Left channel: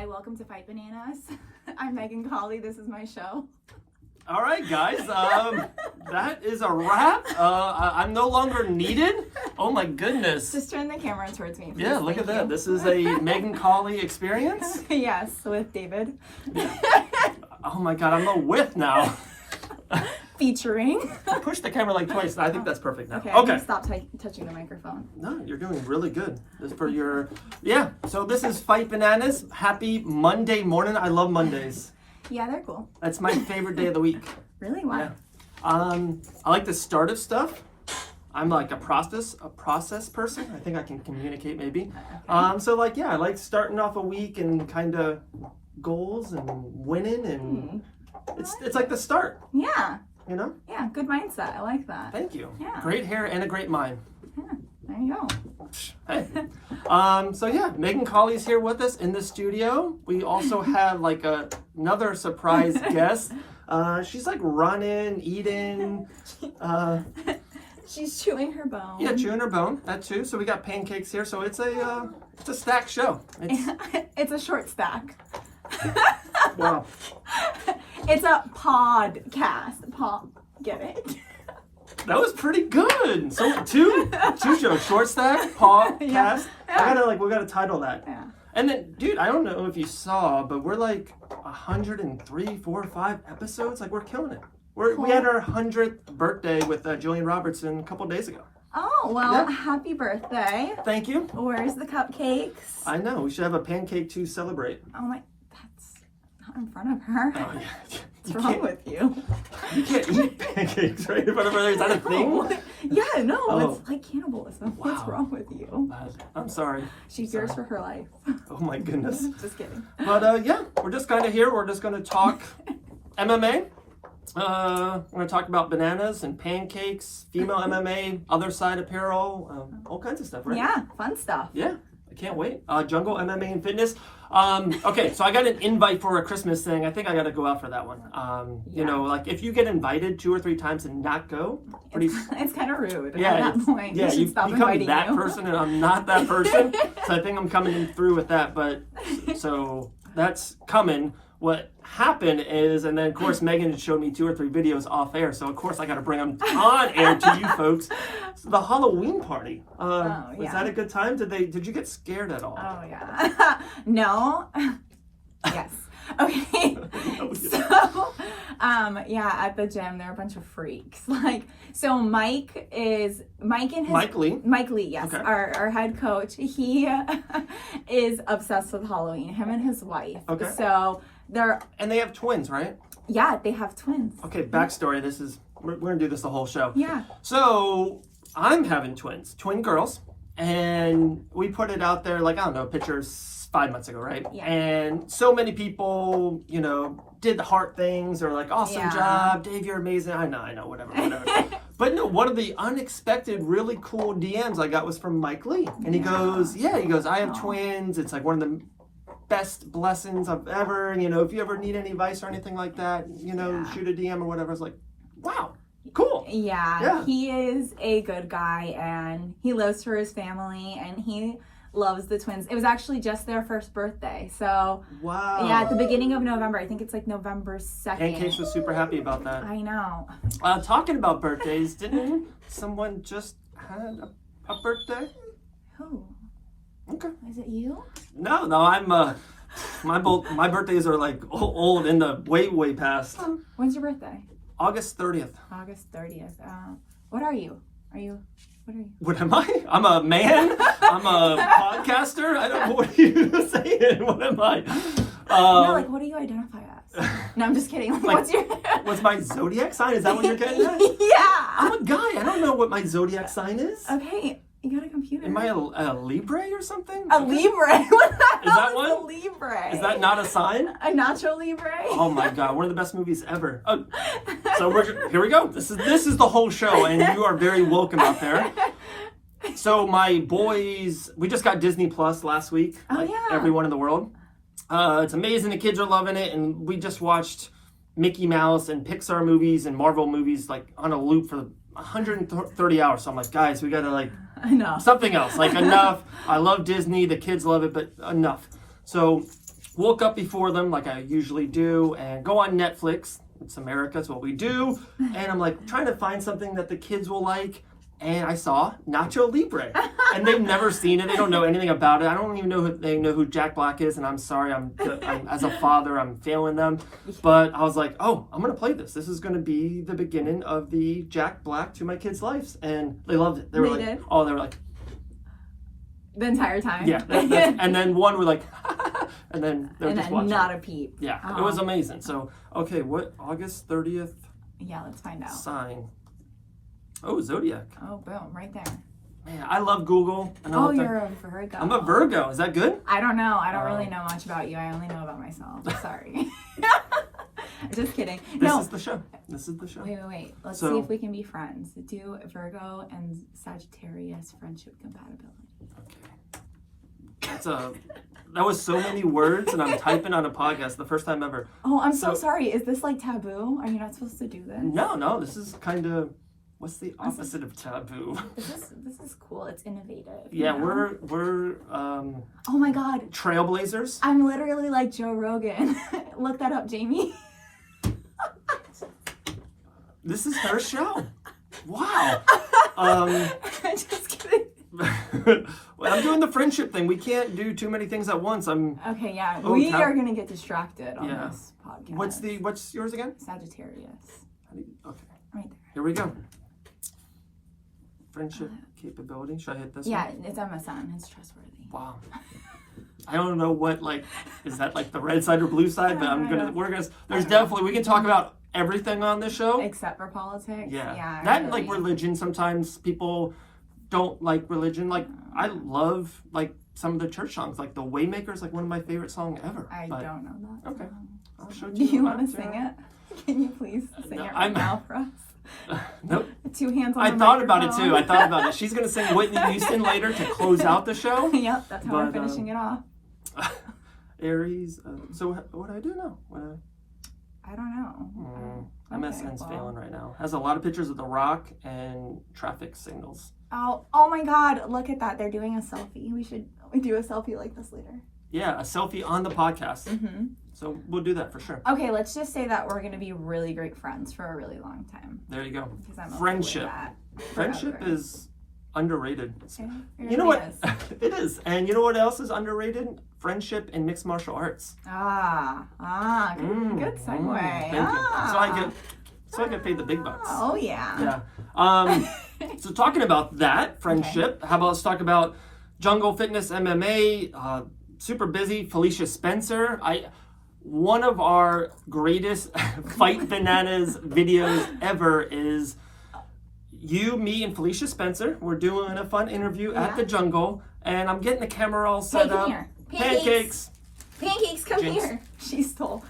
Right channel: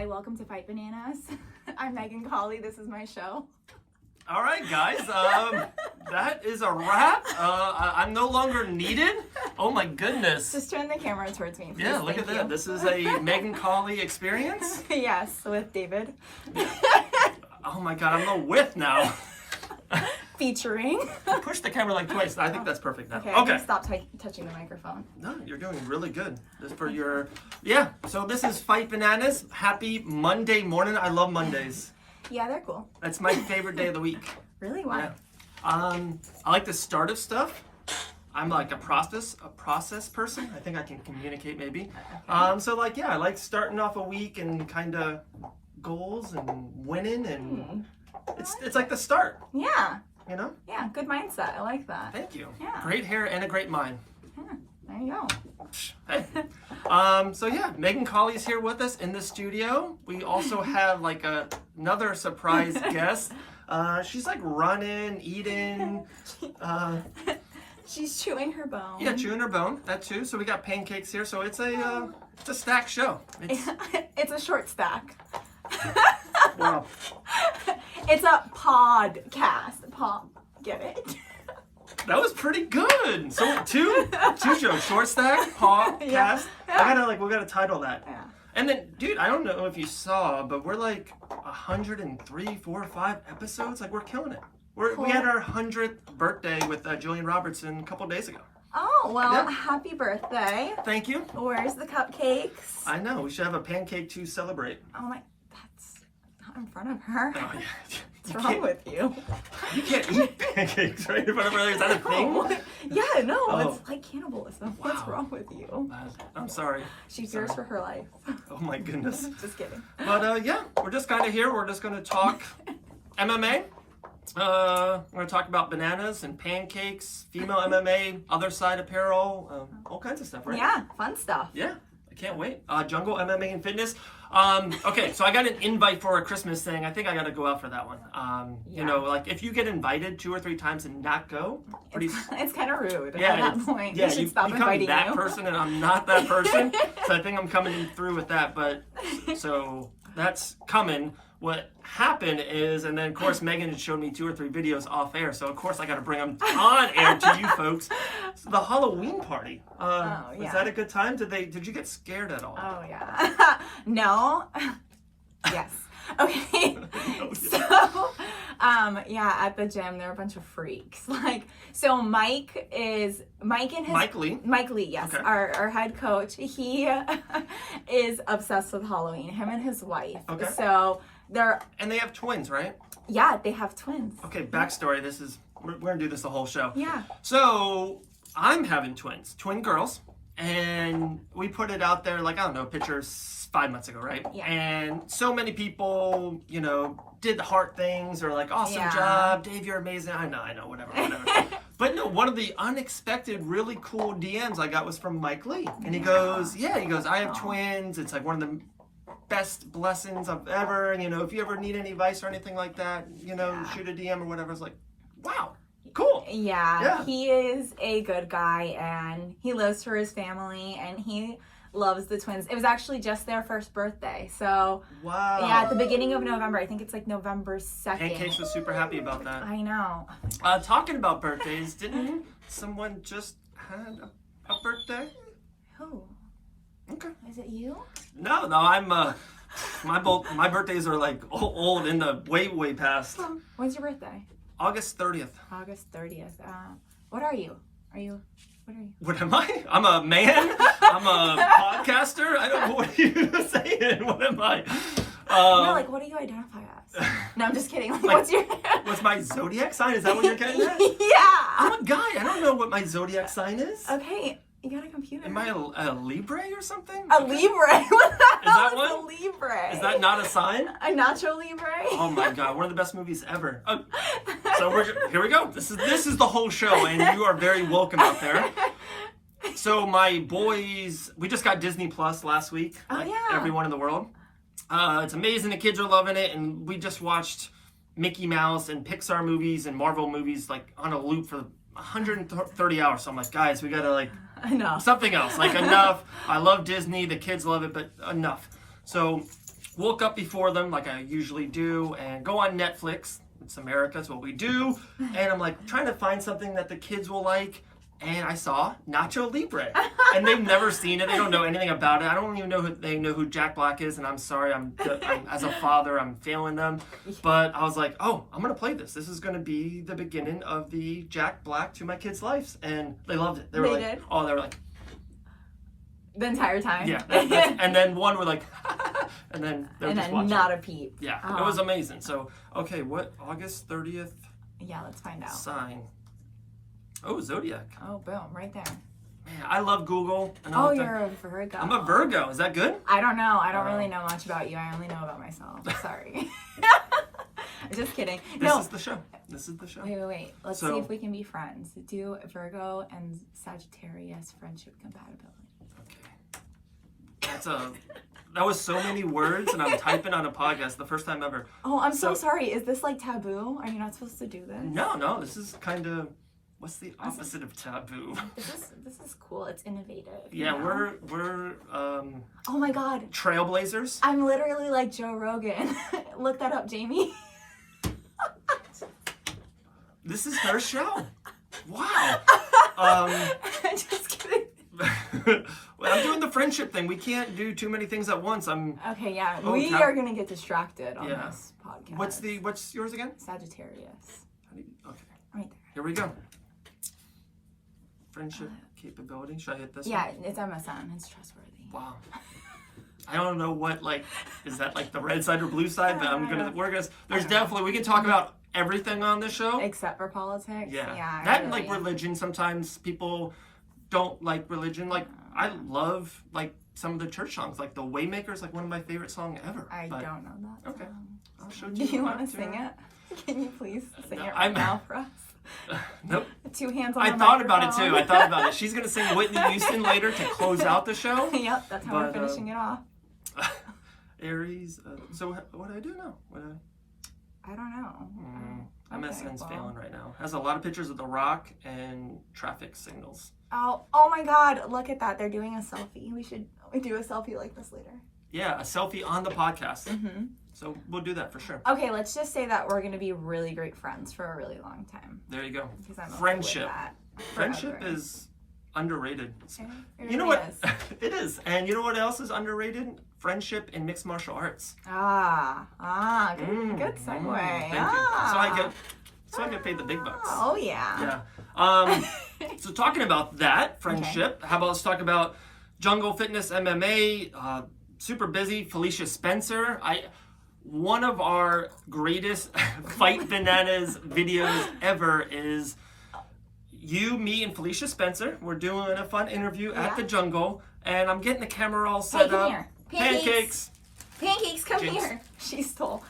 Hi, welcome to Fight Bananas. I'm Megan Cawley. This is my show. All right, guys. That is a wrap. I'm no longer needed. Oh my goodness. Just turn the camera towards me, please. Yeah, look at that. This is a Megan Cawley experience. Yes, with David. Yeah. Oh my God, I'm a whip now. Featuring. Push the camera like twice. I think that's perfect now. Okay. Okay. Stop touching the microphone. No, you're doing really good. This for your, yeah. So this is Fight Bananas. Happy Monday morning. I love Mondays. Yeah, they're cool. That's my favorite day of the week. Really? Why? Yeah. I like the start of stuff. I'm like a process person. I think I can communicate maybe. So like, yeah, I like starting off a week and kind of goals and winning and it's like the start. Yeah. You know? Yeah, good mindset. I like that. Thank you. Yeah. Great hair and a great mind. Yeah, there you go. Hey. So yeah, Megan Cawley is here with us in the studio. We also have like another surprise guest. She's like running, eating. She's chewing her bone. Yeah, chewing her bone. That too. So we got pancakes here. So it's a stacked show. It's a short stack. Wow. It's a podcast. Get it? That was pretty good. So two shows, short stack, podcast. Yeah. We gotta title that. Yeah. And then, dude, I don't know if you saw, but we're like 103, 4, 5 episodes. Like we're killing it. We had our 100th birthday with Julian Robertson a couple days ago. Oh, well, Yeah. Happy birthday. Thank you. Where's the cupcakes? I know. We should have a pancake to celebrate. Oh my, that's not in front of her. Oh yeah. What's wrong with you? You can't eat pancakes right in front of her. Is that a thing? Yeah, no, Oh. It's like cannibalism. Wow. What's wrong with you? I'm sorry. She fears for her life. Oh my goodness. Just kidding. But yeah, we're just kind of here. We're just going to talk MMA. We're going to talk about bananas and pancakes, female MMA, other side apparel, all kinds of stuff, right? Yeah, fun stuff. Yeah, I can't wait. Jungle MMA and fitness. Okay, so I got an invite for a Christmas thing. I think I got to go out for that one. You know, like if you get invited 2 or 3 times and not go, It's kind of rude yeah, at that point. Yeah, you should you stop become inviting that you. person and I'm not that person. So I think I'm coming through with that. But so that's coming. What happened is, and then of course Megan showed me 2 or 3 videos off air. So of course I got to bring them on air to you folks. So the Halloween party. Was that a good time? Did you get scared at all? Oh yeah. No. Yes. Okay. So, yeah, at the gym there are a bunch of freaks. Like, so Mike and Mike Lee. Mike Lee, yes, Okay. our head coach. He is obsessed with Halloween. Him and his wife. Okay. So And they have twins, right? yeah, they have twins. Okay, backstory. We're gonna do this the whole show. Yeah. So I'm having twin girls, and we put it out there like, I don't know, pictures 5 months ago, right? Yeah. And so many people, you know, did the heart things or like, awesome job, Dave, you're amazing. I know, whatever. But no, one of the unexpected, really cool DMs I got was from Mike Lee, and he goes, I have twins. It's like one of the best blessings I've ever, you know, if you ever need any advice or anything like that, you know, shoot a DM or whatever. I was like, wow, cool. Yeah, he is a good guy and he lives for his family and he loves the twins. It was actually just their first birthday. So, wow. Yeah, at the beginning of November. I think it's like November 2nd. Pancakes was super happy about that. I know. Talking about birthdays, didn't someone just had a birthday? Who? Okay. Is it you? No, I'm my birthdays are like old in the way past. When's your birthday? August 30th. August 30th. What are you? What are you? What am I? I'm a man. I'm a podcaster. I don't know what you saying. What am I? No, like what do you identify as? No, I'm just kidding. Like, what's my zodiac sign? Is that what you're getting at? Yeah. I'm a guy. I don't know what my zodiac sign is. Okay. You got a computer. Am I a Libre or something? A Libre? What the hell is that one? A Libre? Is that not a sign? A Nacho Libre? Oh my God, one of the best movies ever. Oh, so here we go. This is the whole show, and you are very welcome out there. So my boys, we just got Disney Plus last week, like everyone in the world. It's amazing. The kids are loving it, and we just watched Mickey Mouse and Pixar movies and Marvel movies like on a loop for 130 hours. So I'm like, guys, we gotta like enough. Something else, like enough. I love Disney, the kids love it, but enough. So woke up before them like I usually do and go on Netflix. It's America, it's what we do. And I'm like trying to find something that the kids will like. And I saw Nacho Libre. And they've never seen it. They don't know anything about it. I don't even know they know who Jack Black is. And I'm sorry, I'm as a father, I'm failing them. But I was like, oh, I'm going to play this. This is going to be the beginning of the Jack Black to my kids' lives. And they loved it. They were like, did? oh, they were like. The entire time? Yeah. And then one were like, and then they were just watching. Not a peep. Yeah, it was amazing. So, okay, what, August 30th? Yeah, let's find out. Sign. Oh, Zodiac. Oh, boom, right there. Man, I love Google. Oh, you're a Virgo. I'm a Virgo. Is that good? I don't know. I don't really know much about you. I only know about myself. Sorry. Just kidding. This is the show. This is the show. Wait. Let's see if we can be friends. Do Virgo and Sagittarius friendship compatibility. Okay. That was so many words, and I'm typing on a podcast the first time ever. Oh, I'm so sorry. Is this like taboo? Are you not supposed to do this? No. This is kind of. What's the opposite of taboo? This is cool. It's innovative. Yeah, we're oh my God. Trailblazers. I'm literally like Joe Rogan. Look that up, Jamie. This is her show. Wow. Just kidding. Well, I'm doing the friendship thing. We can't do too many things at once. Okay, yeah. We are gonna get distracted on this podcast. What's yours again? Sagittarius. Okay. Right there. Here we go. Friendship capability. Should I hit this one? Yeah, it's MSN. It's trustworthy. Wow. I don't know what, is that like the red side or blue side? But there's definitely, we can talk about everything on this show. Except for politics. Yeah. That and religion. Sometimes people don't like religion. Like, I love, some of the church songs. Like, The Waymaker's, one of my favorite songs ever. I don't know that. Okay. I'll show Do you want to sing it? Can you please sing it right now for us? Nope. 2 hands on I thought about it too. I thought about it. She's going to sing Whitney Houston later to close out the show. Yep, that's how we're finishing it off. Aries. So what do I do now? I don't know. MSN's failing right now. Has a lot of pictures of The Rock and traffic signals. Oh my God. Look at that. They're doing a selfie. We should do a selfie like this later. Yeah, a selfie on the podcast. Mm-hmm. So we'll do that for sure. Okay, let's just say that we're going to be really great friends for a really long time. There you go. Friendship. Friendship is underrated. It you know what? It is. And you know what else is underrated? Friendship in mixed martial arts. Good segue. Thank you. So I get paid the big bucks. Oh yeah. Yeah. So talking about that friendship, how about let's talk about Jungle Fitness MMA. Super busy. Felicia Spencer. One of our greatest Fight Bananas videos ever is you, me, and Felicia Spencer. We're doing a fun interview at the Jungle, and I'm getting the camera all set up. Here. Pancakes, come here. She stole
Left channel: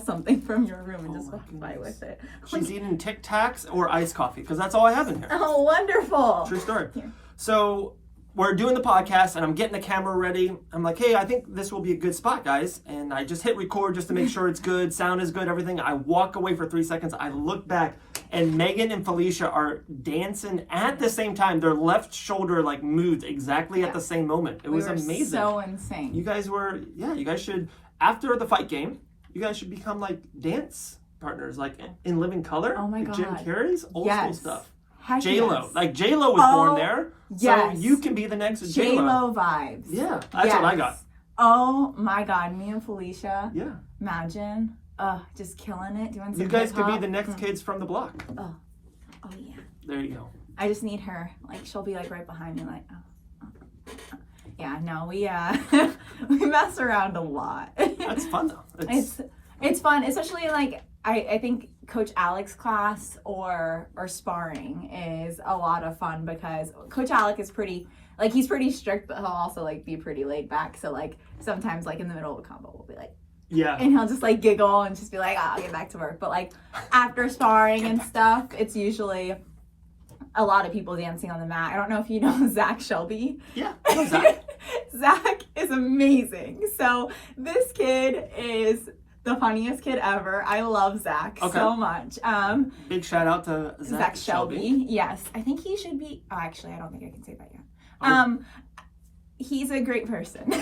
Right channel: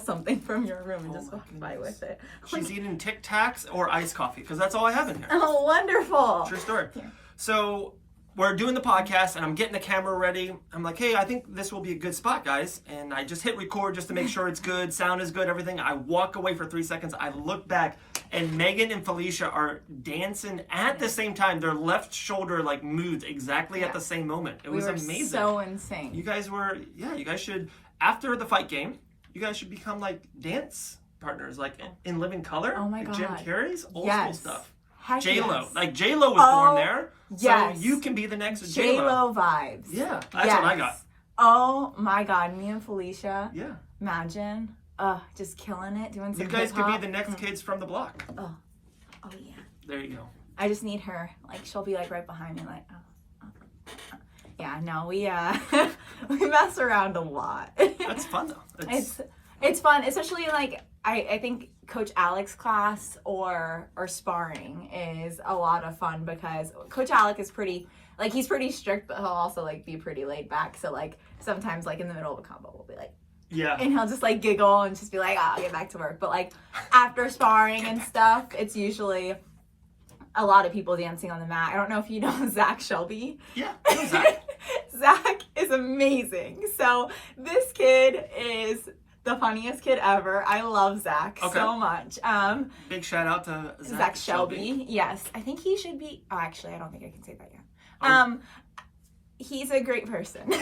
something from your room and just walked by with it. She's eating Tic Tacs or iced coffee because that's all I have in here. Oh, wonderful. True story. So we're doing the podcast and I'm getting the camera ready. I'm like, hey, I think this will be a good spot, guys. And I just hit record just to make sure it's good. Sound is good, everything. I walk away for 3 seconds. I look back and Megan and Felicia are dancing at the same time. Their left shoulder moved exactly at the same moment. It was amazing. So insane. You guys should, after the fight game, you guys should become dance partners, in Living Color. Oh my God. Jim Carrey's old school stuff. J-Lo. Yes. J-Lo was born there. Yes. So you can be the next J-Lo. J-Lo vibes. Yeah. That's what I got. Oh my God. Me and Felicia. Yeah. Imagine. Just killing it. Doing some You guys hip-hop. could be the next kids from the block. Oh yeah. There you go. I just need her. She'll be right behind me Yeah, no, we we mess around a lot. That's fun though. It's fun, especially I think Coach Alex's class or sparring is a lot of fun because Coach Alex is pretty he's pretty strict, but he'll also be pretty laid back. So sometimes in the middle of a combo we'll be yeah, and he'll just giggle and just be I'll get back to work. But after sparring and stuff, it's usually a lot of people dancing on the mat. I don't know if you know Zach Shelby. Yeah, I know Zach. Zach is amazing. So this kid is the funniest kid ever. I love Zach so much. Big shout out to Zach Shelby. Yes, I think he should be. Oh, actually, I don't think I can say that yet. He's a great person.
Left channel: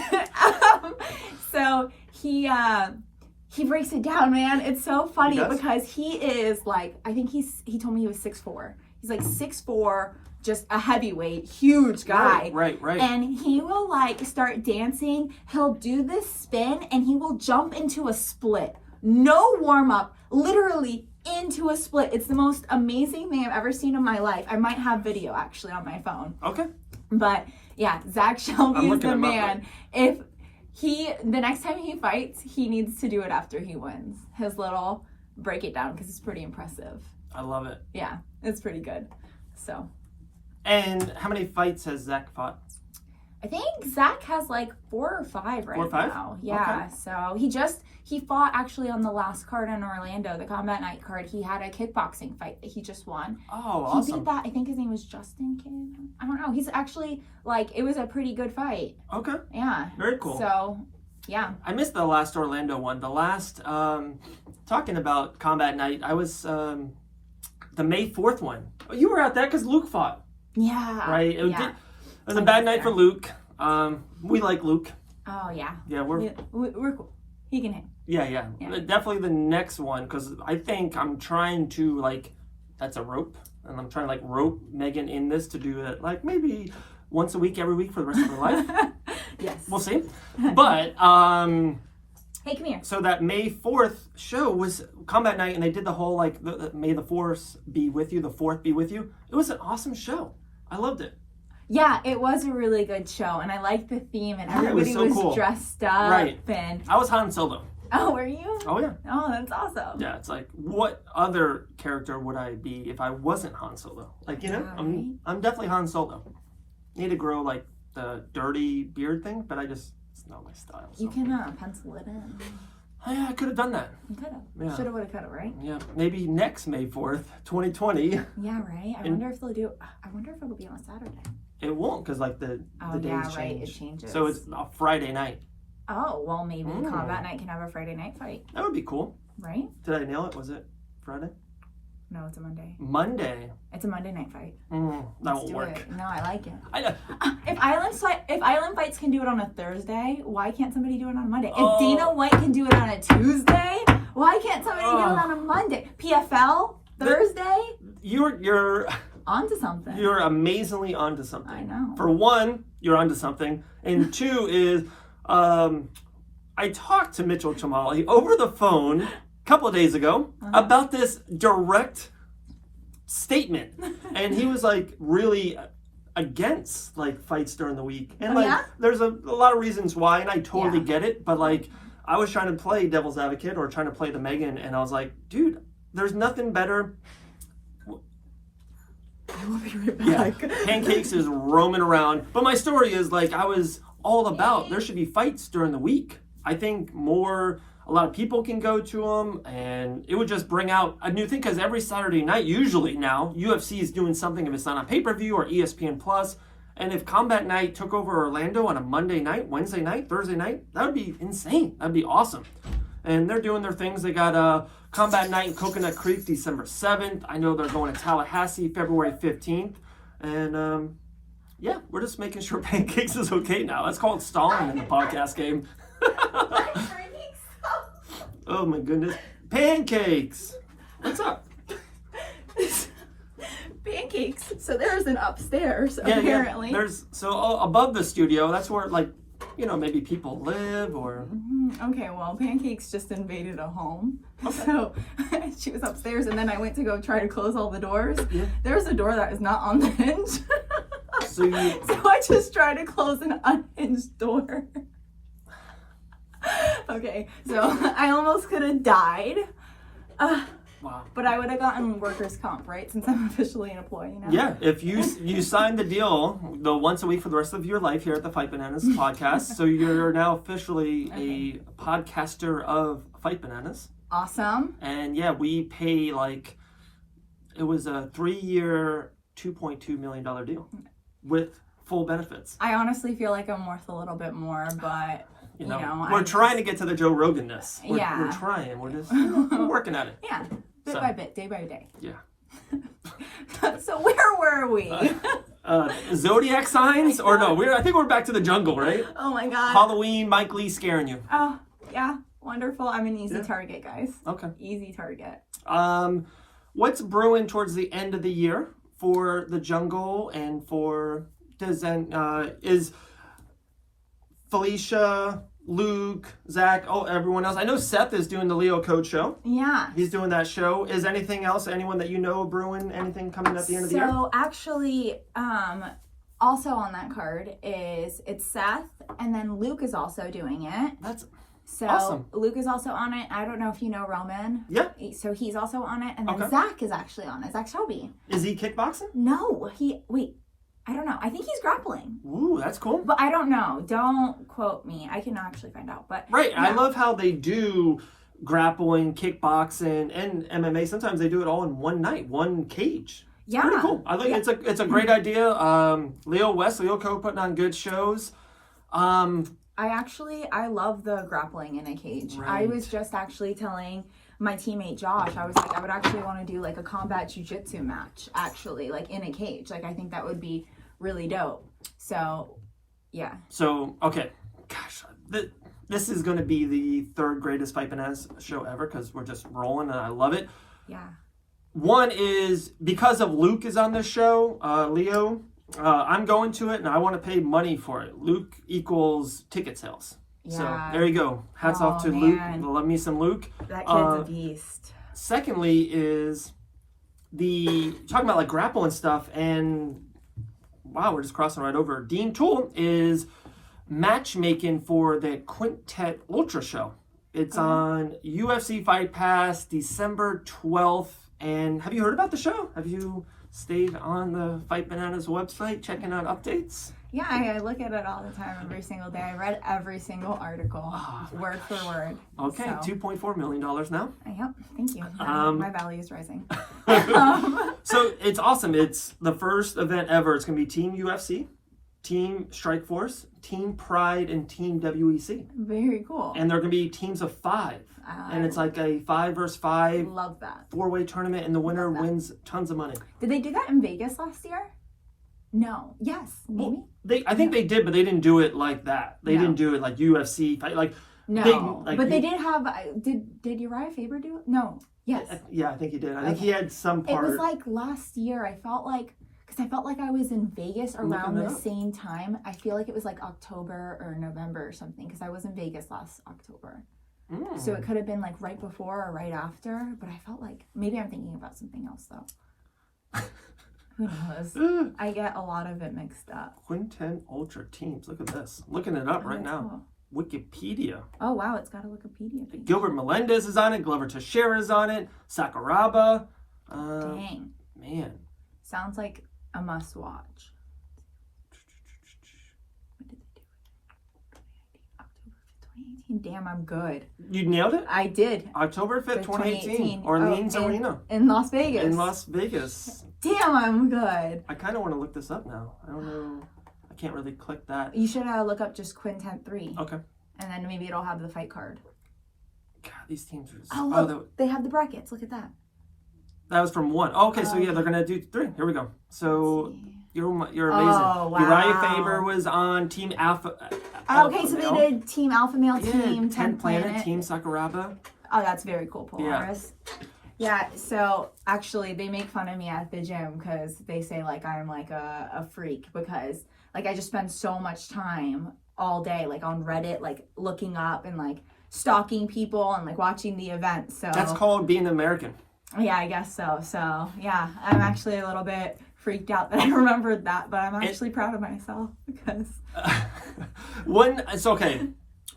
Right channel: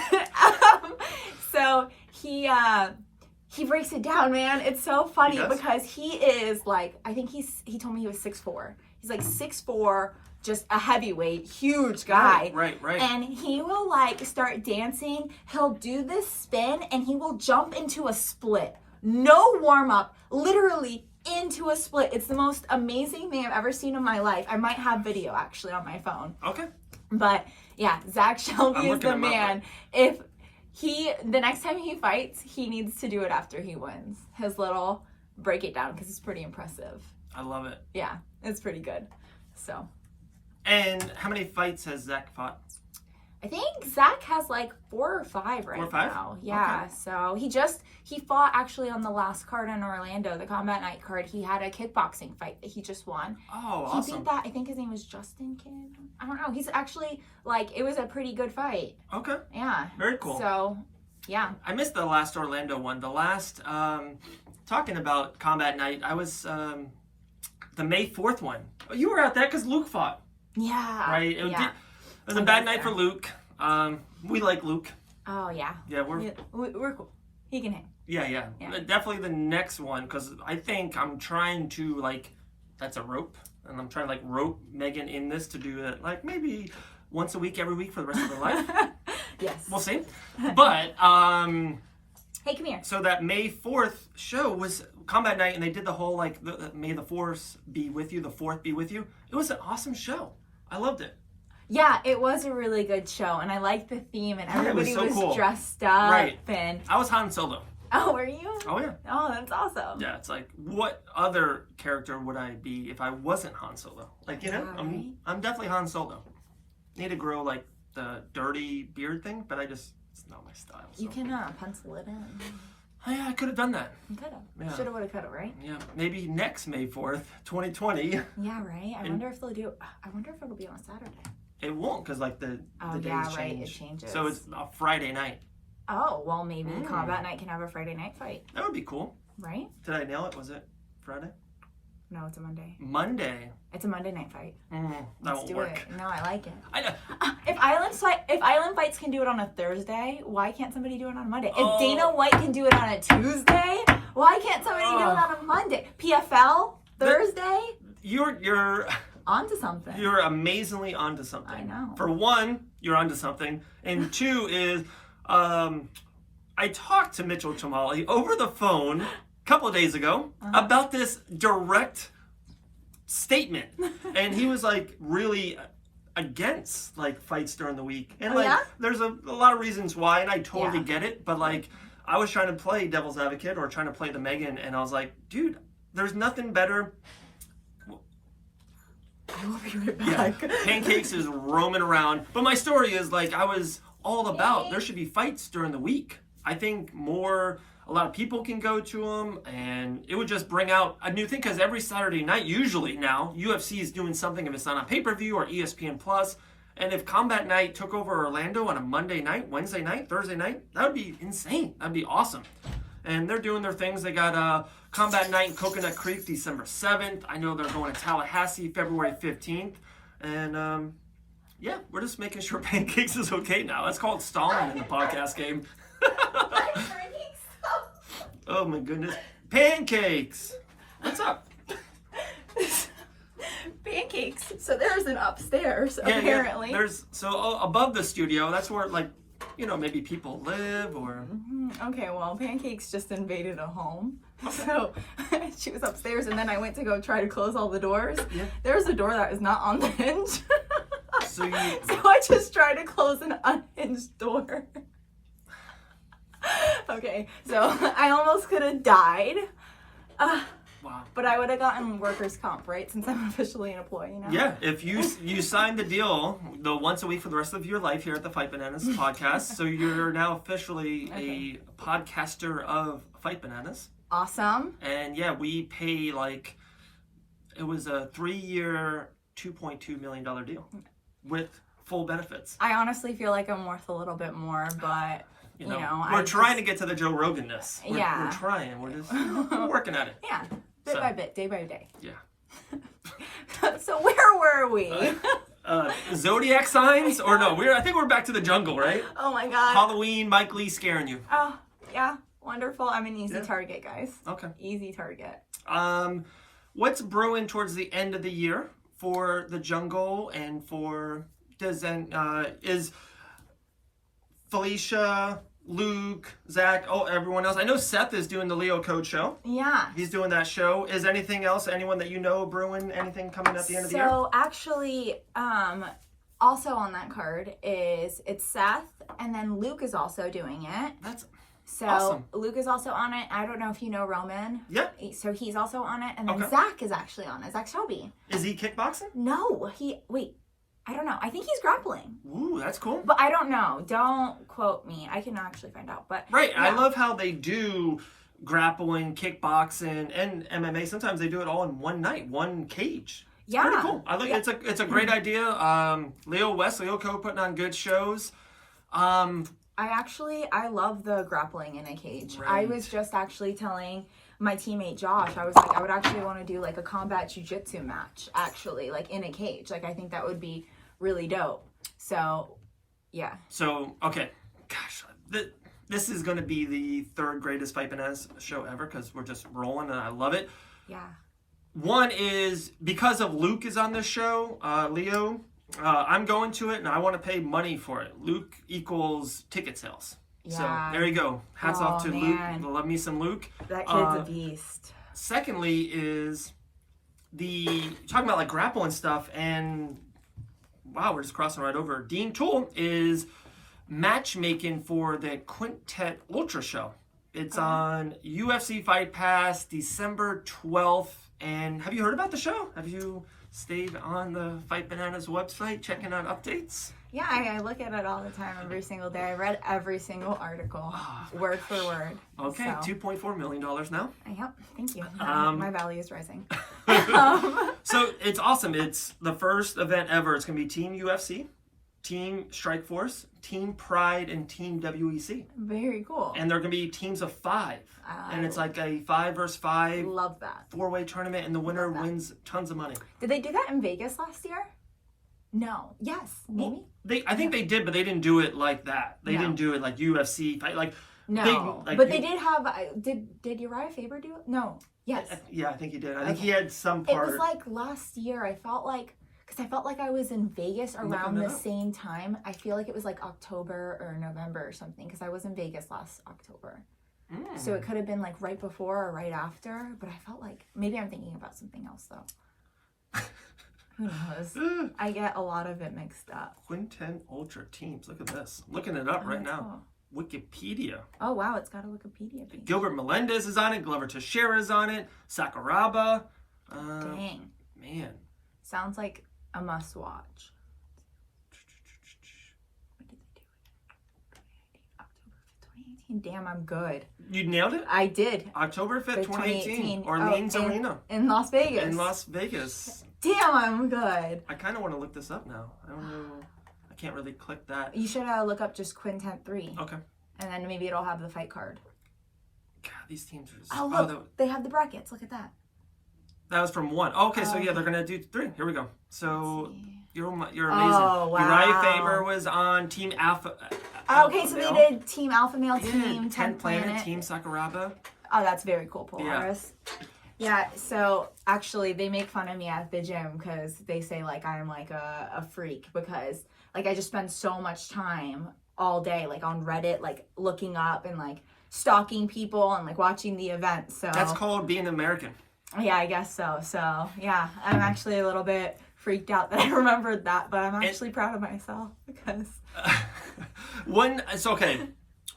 he breaks it down, man. It's so funny He does? because he is like, I think he told me he was 6'4". He's like 6'4", just a heavyweight, huge guy. Right. And he will like start dancing. He'll do this spin and he will jump into a split. No warm up, literally into a split. It's the most amazing thing I've ever seen in my life. I might have video actually on my phone. Okay. But yeah, Zach Shelby is the man. Up. The next time he fights, he needs to do it after he wins. His little break it down because it's pretty impressive. I love it. Yeah, it's pretty good. So. And how many fights has Zach fought? I think Zach has like 4 or 5 right 4 or 5? now. Yeah. Okay. So he fought actually on the last card in Orlando, the Combat Night card. He had a kickboxing fight that he just won. Oh, awesome. He beat that. I think his name was Justin Kidd. I don't know. He's actually like, it was a pretty good fight. Okay. Yeah. Very cool. So, yeah. I missed the last Orlando one. The last, talking about Combat Night, I was the May 4th one. Oh, you were at that because Luke fought. Yeah. Right? It was a bad night for Luke. We like Luke. Oh, yeah. Yeah, we're cool. He can hang. Yeah. Definitely the next one, because I think I'm trying to, like, that's a rope. And I'm trying to, like, rope Megan in this to do it, like, maybe once a week, every week for the rest of her life. Yes. We'll see. But, hey, come here. So that May 4th show was Combat Night, and they did the whole, like, May the 4th be with you, the 4th be with you. It was an awesome show. I loved it. Yeah, it was a really good show, and I liked the theme, and everybody was cool. dressed up. Right. And I was Han Solo. oh, were you? Oh, yeah. Oh, that's awesome. Yeah, it's like, what other character would I be if I wasn't Han Solo? Like, you know, Right. I'm definitely Han Solo. Need to grow, like, the dirty beard thing, but it's not my style. So. You can pencil it in. Yeah, I could have done that. You could have. Yeah. Should have, would have, could have, right? Yeah, maybe next May 4th, 2020. Yeah, right? I wonder if it'll be on a Saturday. It won't, because, like, the days change. Right, it changes. So it's a Friday night. Oh, well, maybe Combat Night can have a Friday night fight. That would be cool. Right? Did I nail it? Was it Friday? No, it's a Monday. Monday? It's a Monday night fight. That won't work. It. No, I like it. I know. If Island Fights can do it on a Thursday, why can't somebody do it on a Monday? If Dana White can do it on a Tuesday, why can't somebody do it on a Monday? PFL Thursday? You're onto something. You're amazingly onto something. I know. For one, you're onto something, and two is, I talked to Mitchell Chamali over the phone a couple of days ago about this direct statement, and he was like really against like fights during the week, and there's a lot of reasons why, and I totally get it, but like I was trying to play devil's advocate or trying to play the Megan, and I was like, dude, there's nothing better. I will be right back. Yeah, Pancakes is roaming around. But my story is like I was all about there should be fights during the week. I think a lot of people can go to them, and it would just bring out a new thing, because every Saturday night, usually now, UFC is doing something if it's not on pay-per-view or ESPN Plus. And if Combat Night took over Orlando on a Monday night, Wednesday night, Thursday night, that would be insane. That'd be awesome. And they're doing their things. They got Combat Night in Coconut Creek December 7th. I know they're going to Tallahassee February 15th. And yeah, we're just making sure Pancakes is okay now. That's called stalling in the podcast game. Oh my goodness. Pancakes! What's up? Pancakes. So there's an upstairs, apparently. Yeah. So above the studio, that's where, like, you know, maybe people live or... Okay, well, Pancakes just invaded a home. Okay. So she was upstairs, and then I went to go try to close all the doors. Yeah. There's a door that is not on the hinge. So I just tried to close an unhinged door. Okay, so I almost could have died. Wow. But I would have gotten workers' comp, right? Since I'm officially an employee now. Yeah, if you signed the deal, the once a week for the rest of your life here at the Fight Bananas podcast, so you're now officially a podcaster of Fight Bananas. Awesome. And yeah, we pay like, it was a 3-year, $2.2 million deal with full benefits. I honestly feel like I'm worth a little bit more, but... You know, we're trying to get to the Joe Rogan-ness. We're trying. We're just working at it. Yeah, bit by bit, day by day. Yeah. So where were we? Zodiac signs? Or no, I think we're back to the jungle, right? Oh my God. Halloween, Mike Lee scaring you. Oh, Yeah, wonderful. I'm an easy Yeah. target, guys. Okay. Easy target. What's brewing towards the end of the year for the jungle and for is Felicia, Luke, Zach, everyone else? I know Seth is doing the Leo Code show. Yeah. He's doing that show. Is anything else? Anyone that you know brewing? Anything coming at the end of the year? So actually, also on that card it's Seth, and then Luke is also doing it. That's so awesome. Luke is also on it. I don't know if you know Roman. Yeah. So he's also on it, and then Okay. Zach is actually on it. Zach Shelby. Is he kickboxing? No, I don't know. I think he's grappling. Ooh, that's cool. But I don't know. Don't quote me. I can actually find out. But Right. yeah. I love how they do grappling, kickboxing, and MMA. Sometimes they do it all in one night, one cage. Yeah. Pretty cool. I like it's a great idea. Leo Co putting on good shows. I love the grappling in a cage. Right. I was just actually telling my teammate Josh, I was like, I would actually want to do like a combat jiu-jitsu match, actually, like in a cage. Like, I think that would be really dope. So, yeah. So, okay. Gosh, this is going to be the third greatest Fight Bananas show ever because we're just rolling and I love it. Yeah. One is because of Luke is on this show, Leo. I'm going to it and I want to pay money for it. Luke equals ticket sales. Yeah. So there you go. Hats off to man. Luke. Love me some Luke. That kid's a beast. Secondly is talking about like grappling stuff, and wow, we're just crossing right over. Dean Toole is matchmaking for the Quintet Ultra show. It's on UFC Fight Pass December 12th. And have you heard about the show? Have you stayed on the Fight Bananas website checking out updates? Yeah, I look at it all the time, every single day. I read every single article, word for word. Okay, so. $2.4 million now. Yep, thank you. My value is rising. So it's awesome. It's the first event ever. It's going to be Team UFC, Team Strikeforce, Team Pride, and Team WEC. Very cool. And they're going to be teams of 5. And it's like a 5 versus 5. Love that. 4-way tournament, and the winner wins tons of money. Did they do that in Vegas last year? No. Yes. Maybe. I think they did, but they didn't do it like that. They didn't do it like UFC fight, like no. big, like but they did have. Did Uriah Faber do it? No. Yes. Yeah, I think he did. I think he had some part. It was like last year. I felt like I was in Vegas around the same time. I feel like it was like October or November or something because I was in Vegas last October. So it could have been like right before or right after. But I felt like maybe I'm thinking about something else though. Who knows? I get a lot of it mixed up. Quintet Ultra teams. Look at this. I'm looking it up right now. Cool. Wikipedia. Oh, wow. It's got a Wikipedia page. Gilbert Melendez is on it. Glover Teixeira is on it. Sakuraba. Dang. Man. Sounds like a must watch. When did they do it? October 5th, 2018. Damn, I'm good. You nailed it? I did. October 5th, 2018. Orleans Arena. In Las Vegas. In Las Vegas. Damn, I'm good. I kind of want to look this up now. I don't know. I can't really click that. You should look up just Quintet 3. Okay. And then maybe it'll have the fight card. God, these teams are... Oh, look. They have the brackets. Look at that. That was from 1. Oh, okay, so yeah, they're going to do 3. Here we go. So you're amazing. Oh, wow. Uriah Faber was on Team Alpha. Okay, so they did Team Alpha Male, Team 10 Planet, Team Sakuraba. Oh, that's very cool, Polaris. Yeah, so actually they make fun of me at the gym because they say like I'm like a freak because like I just spend so much time all day like on Reddit like looking up and like stalking people and like watching the event. So that's called being American. Yeah, I guess so. So yeah, I'm actually a little bit freaked out that I remembered that, but I'm actually proud of myself because it's okay.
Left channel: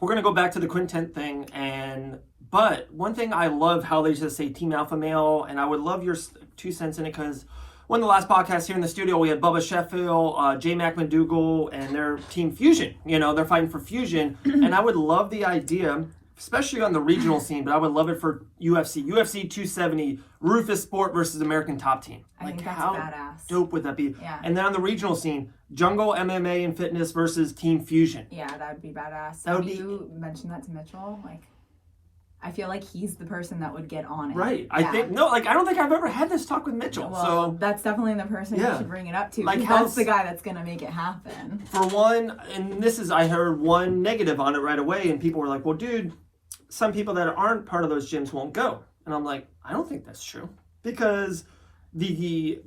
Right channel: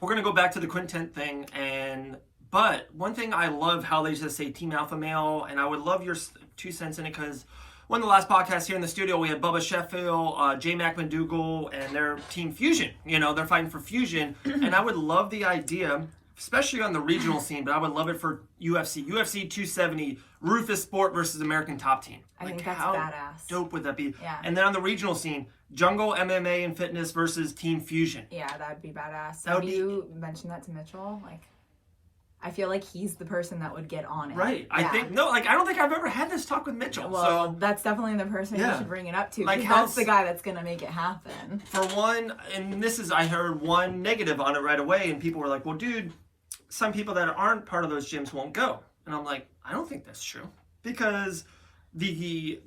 We're gonna go back to the Quintet thing but one thing I love how they just say Team Alpha Male, and I would love your 2 cents in it because one of the last podcasts here in the studio, we had Bubba Sheffield, J. Mac McDougal, and their Team Fusion. You know, they're fighting for Fusion, and I would love the idea, especially on the regional scene, but I would love it for UFC. UFC 270, Rufus Sport versus American Top Team. I think that's how badass. Dope would that be? Yeah. And then on the regional scene, Jungle MMA and Fitness versus Team Fusion. Yeah, that would be badass. That would be... you mentioned that to Mitchell? Like, I feel like he's the person that would get on it. Right. Yeah. I don't think I've ever had this talk with Mitchell. Well, so that's definitely the person you should bring it up to. Like that's the guy that's going to make it happen. For one, and I heard one negative on it right away, and people were like, well, dude, some people that aren't part of those gyms won't go. And I'm like, I don't think that's true. Because the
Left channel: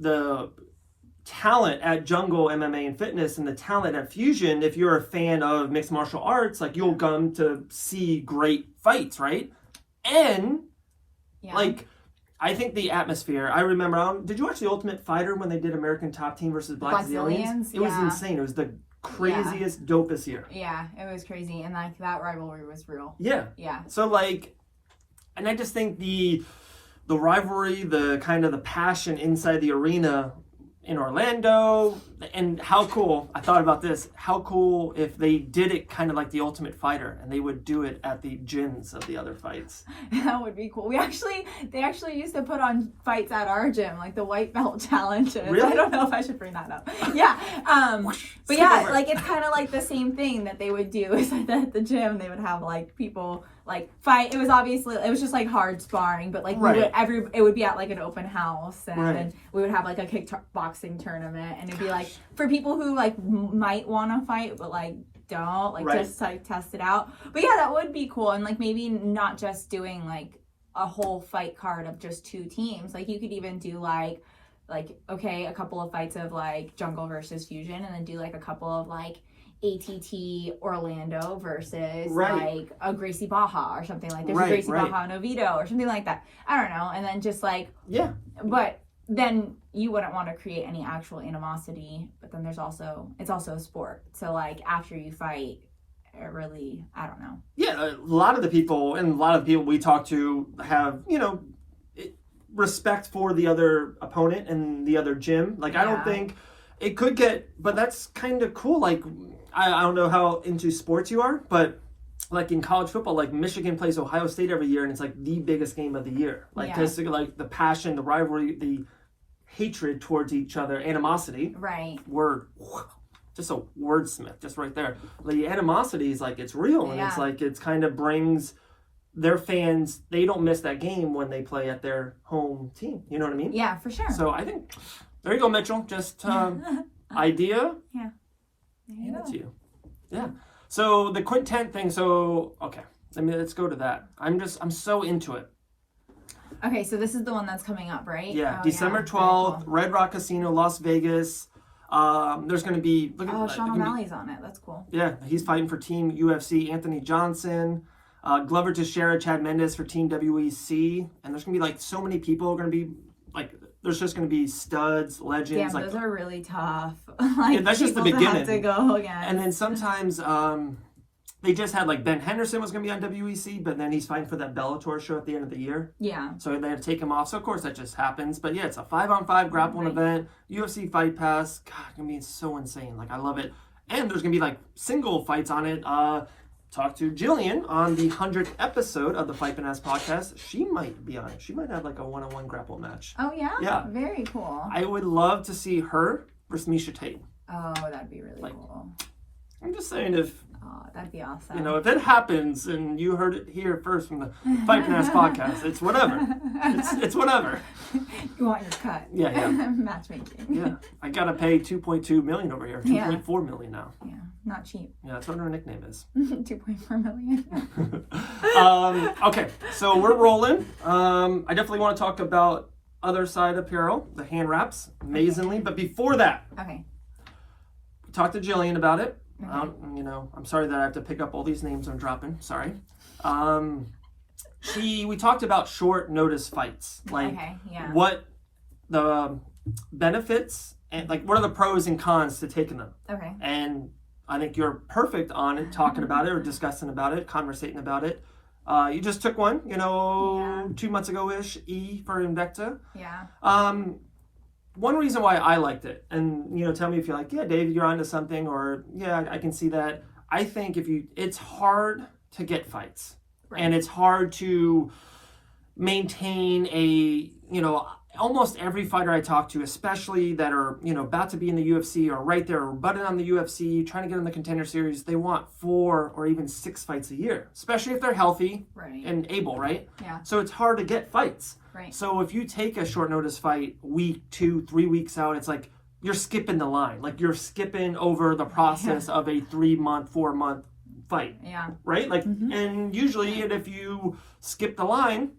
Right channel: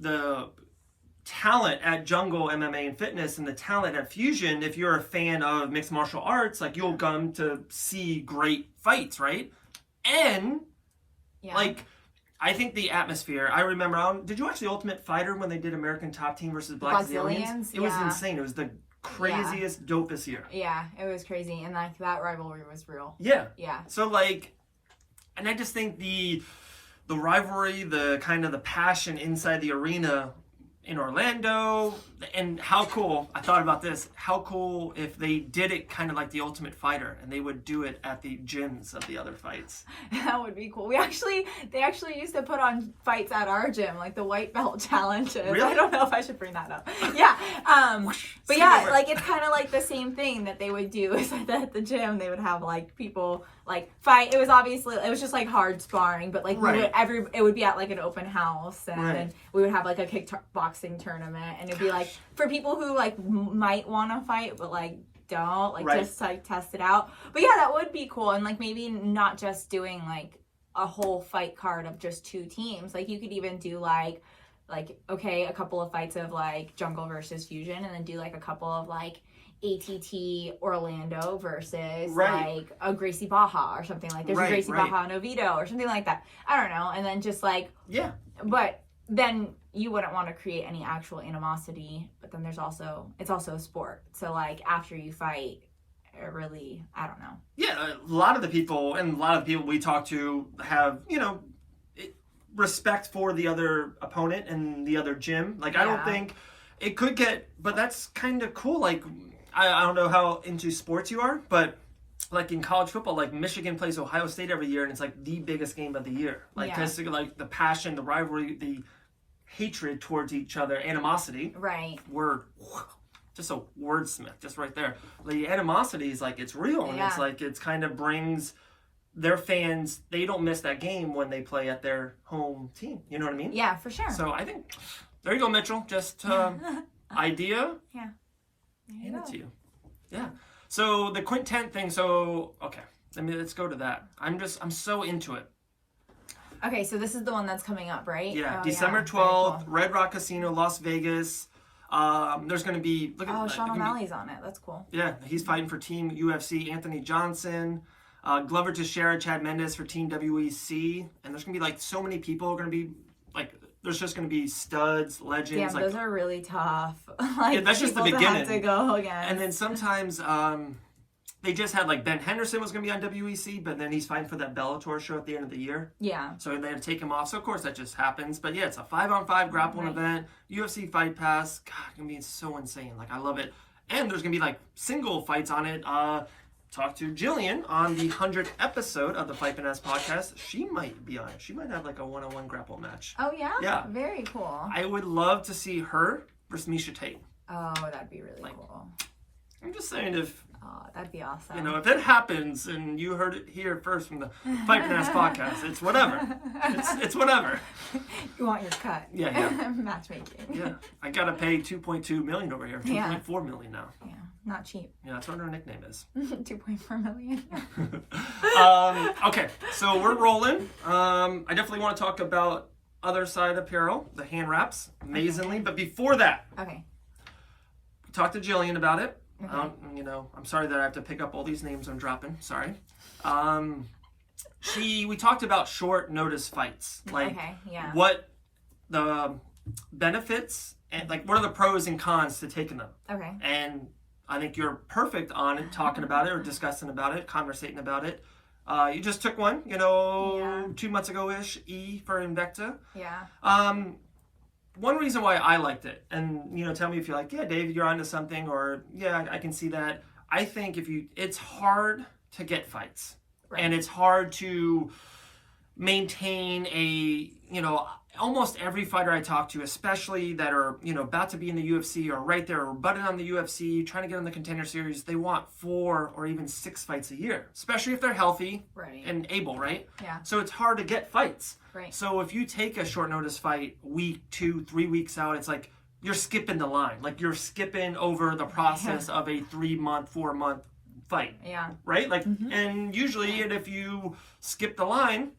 talent at Jungle MMA and Fitness and the talent at Fusion, if you're a fan of mixed martial arts, like you'll come to see great fights, right? And like, I think the atmosphere, I remember, did you watch the Ultimate Fighter when they did American Top Team versus Blackzilians? It was insane. It was the craziest, dopest year. Yeah, it was crazy. And like that rivalry was real. Yeah. Yeah. So like, and I just think the rivalry, the kind of the passion inside the arena in Orlando, and how cool, I thought about this, how cool if they did it kind of like the Ultimate Fighter and they would do it at the gyms of the other fights. That would be cool. They actually used to put on fights at our gym, like the white belt challenges. Really? I don't know if I should bring that up. Yeah. But yeah, like it's kind of like the same thing that they would do is like at the gym, they would have like people like fight. It was just like hard sparring, but like it would be at like an open house, and we would have like a kickboxing tournament, and it'd be like for people who like might want to fight but like don't, like just like test it out. But yeah, that would be cool. And like maybe not just doing like a whole fight card of just 2 teams. Like you could even do like okay, a couple of fights of like Jungle versus Fusion, and then do like a couple of like ATT Orlando versus like a Gracie Baja or something like there's a Gracie Baja and Oviedo or something like that. I don't know. And then just like but then you wouldn't want to create any actual animosity. But then it's also a sport. So like after you fight, it really, I don't know. Yeah, a lot of the people we talk to have, you know, respect for the other opponent and the other gym. Like I don't think it could get, but that's kind of cool. Like I don't know how into sports you are, but like in college football, like Michigan plays Ohio State every year, and it's like the biggest game of the year. Like because like the passion, the rivalry, the hatred towards each other, animosity. Word, just a wordsmith, just right there. The animosity is like it's real, and it's like it's kind of brings their fans. They don't miss that game when they play at their home team. You know what I mean? Yeah, for sure. So I think there you go, Mitchell. Just idea. Yeah. Hand it to you. Yeah. So the Quintet thing. So okay, let's go to that. I'm so into it. Okay, so this is the one that's coming up, right? Yeah, December 12th, cool. Red Rock Casino, Las Vegas. There's going to be... Sean O'Malley's on it. That's cool. Yeah, he's fighting for Team UFC. Anthony Johnson, Glover Teixeira, Chad Mendes for Team WEC. And there's going to be, like, so many people going to be, like... There's just going to be studs, legends. Damn, like, those are really tough. Like, yeah, that's just the beginning. Have to go again. And then sometimes... they just had like Ben Henderson was going to be on WEC, but then he's fighting for that Bellator show at the end of the year. Yeah. So they had to take him off. So of course that just happens. But yeah, it's a 5-on-5 grappling event. UFC Fight Pass. God, it's going to be so insane. Like I love it. And there's going to be like single fights on it. Talk to Jillian on the 100th episode of the Fight Finesse podcast. She might be on it. She might have like a one-on-one grapple match. Oh yeah? Yeah. Very cool. I would love to see her versus Miesha Tate. Oh, that'd be really cool. I'm just saying if... Oh, that'd be awesome. You know, if it happens and you heard it here first from the Fight Finesse podcast, it's whatever. It's whatever. You want your cut. Yeah. Matchmaking. Yeah. I got to pay $2.2 million over here. $2.4 million now. Yeah. Not cheap. Yeah, that's what her nickname is. 2.4 million. Okay, so we're rolling. I definitely want to talk about other side apparel, the hand wraps, amazingly. But before that, we talked to Jillian about it. You know, I'm sorry that I have to pick up all these names I'm dropping. Sorry. We talked about short notice fights. Like what the benefits and like what are the pros and cons to taking them. Okay. And I think you're perfect on it, talking about it or discussing about it, conversating about it. You just took one, 2 months ago-ish, E for Invicta. Yeah. One reason why I liked it, and tell me if you're like, yeah, Dave, you're onto something, or yeah, I can see that. I think it's hard to get fights, and it's hard to maintain almost every fighter I talk to, especially that are about to be in the UFC or right there, or butting on the UFC, trying to get in the Contender Series. They want 4 or even 6 fights a year, especially if they're healthy and able, right? Yeah. So it's hard to get fights. Right. So if you take a short notice fight week, 2, 3 weeks out, it's like you're skipping the line. Like you're skipping over the process of a 3-month, 4-month fight. Yeah. Right? Like, and usually, and if you skip the line,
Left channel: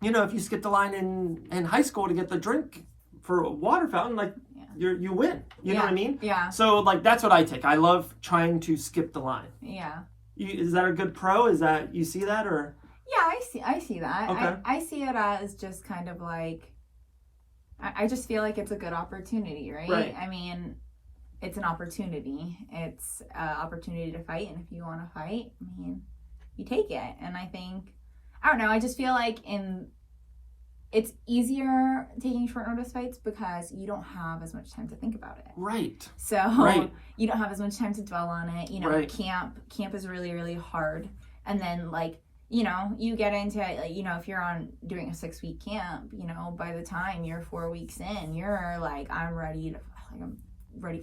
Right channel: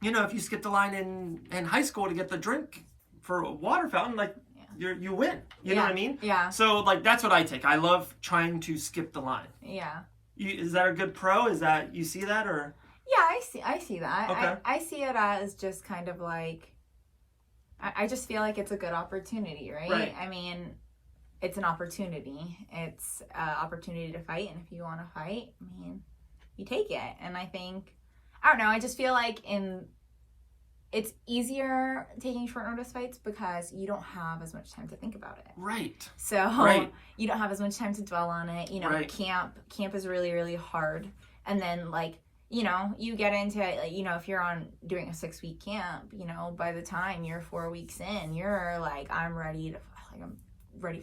you know, if you skip the line in high school to get the drink for a water fountain, like, you win. You know what I mean? Yeah. So, like, that's what I take. I love trying to skip the line. Yeah. Is that a good pro? Is that, you see that, or? Yeah, I see that. Okay. I see it as just kind of like, I just feel like it's a good opportunity, right? Right. I mean, it's an opportunity. It's an opportunity to fight, and if you want to fight, I mean, you take it. And I think, I don't know, I just feel like it's easier taking short notice fights because you don't have as much time to think about it. Right. So you don't have as much time to dwell on it. You know, Right. camp is really, really hard. And then, like, you know, you get into it, like, you know, if you're doing a 6-week camp, you know, by the time you're 4 weeks in, you're like, I'm ready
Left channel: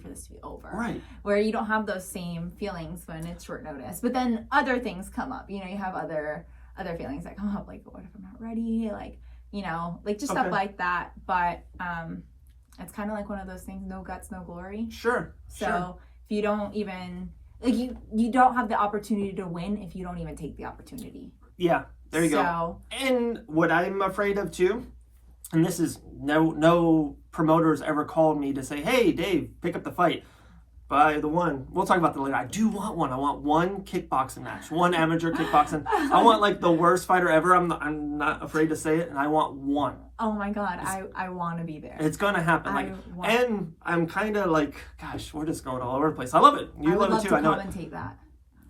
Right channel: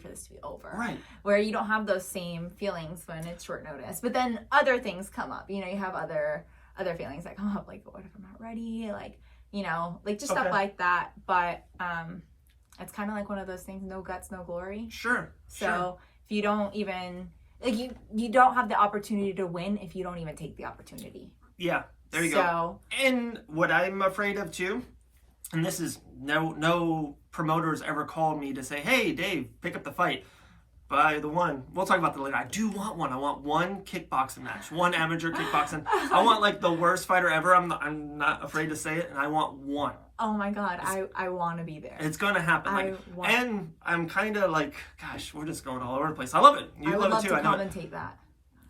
for this to be over. Right. Where you don't have those same feelings when it's short notice. But then other things come up. You know, you have other feelings that come up, like, what if I'm not ready? Like, you know, like just stuff like that. But it's kind of like one of those things, no guts, no glory. Sure. So if you don't even, like, you don't have the opportunity to win if you don't even take the opportunity. Yeah, there you go. And what I'm afraid of too, and this is no promoters ever called me to say, hey, Dave, pick up the fight. By the one, we'll talk about that later. I do want one. I want one kickboxing match, one amateur kickboxing. I want like the worst fighter ever. I'm not afraid to say it, and I want one. Oh my God, I want to be there. It's gonna happen. And I'm kind of like, gosh, we're just going all over the place. I love it. You love it too. I know. Commentate that.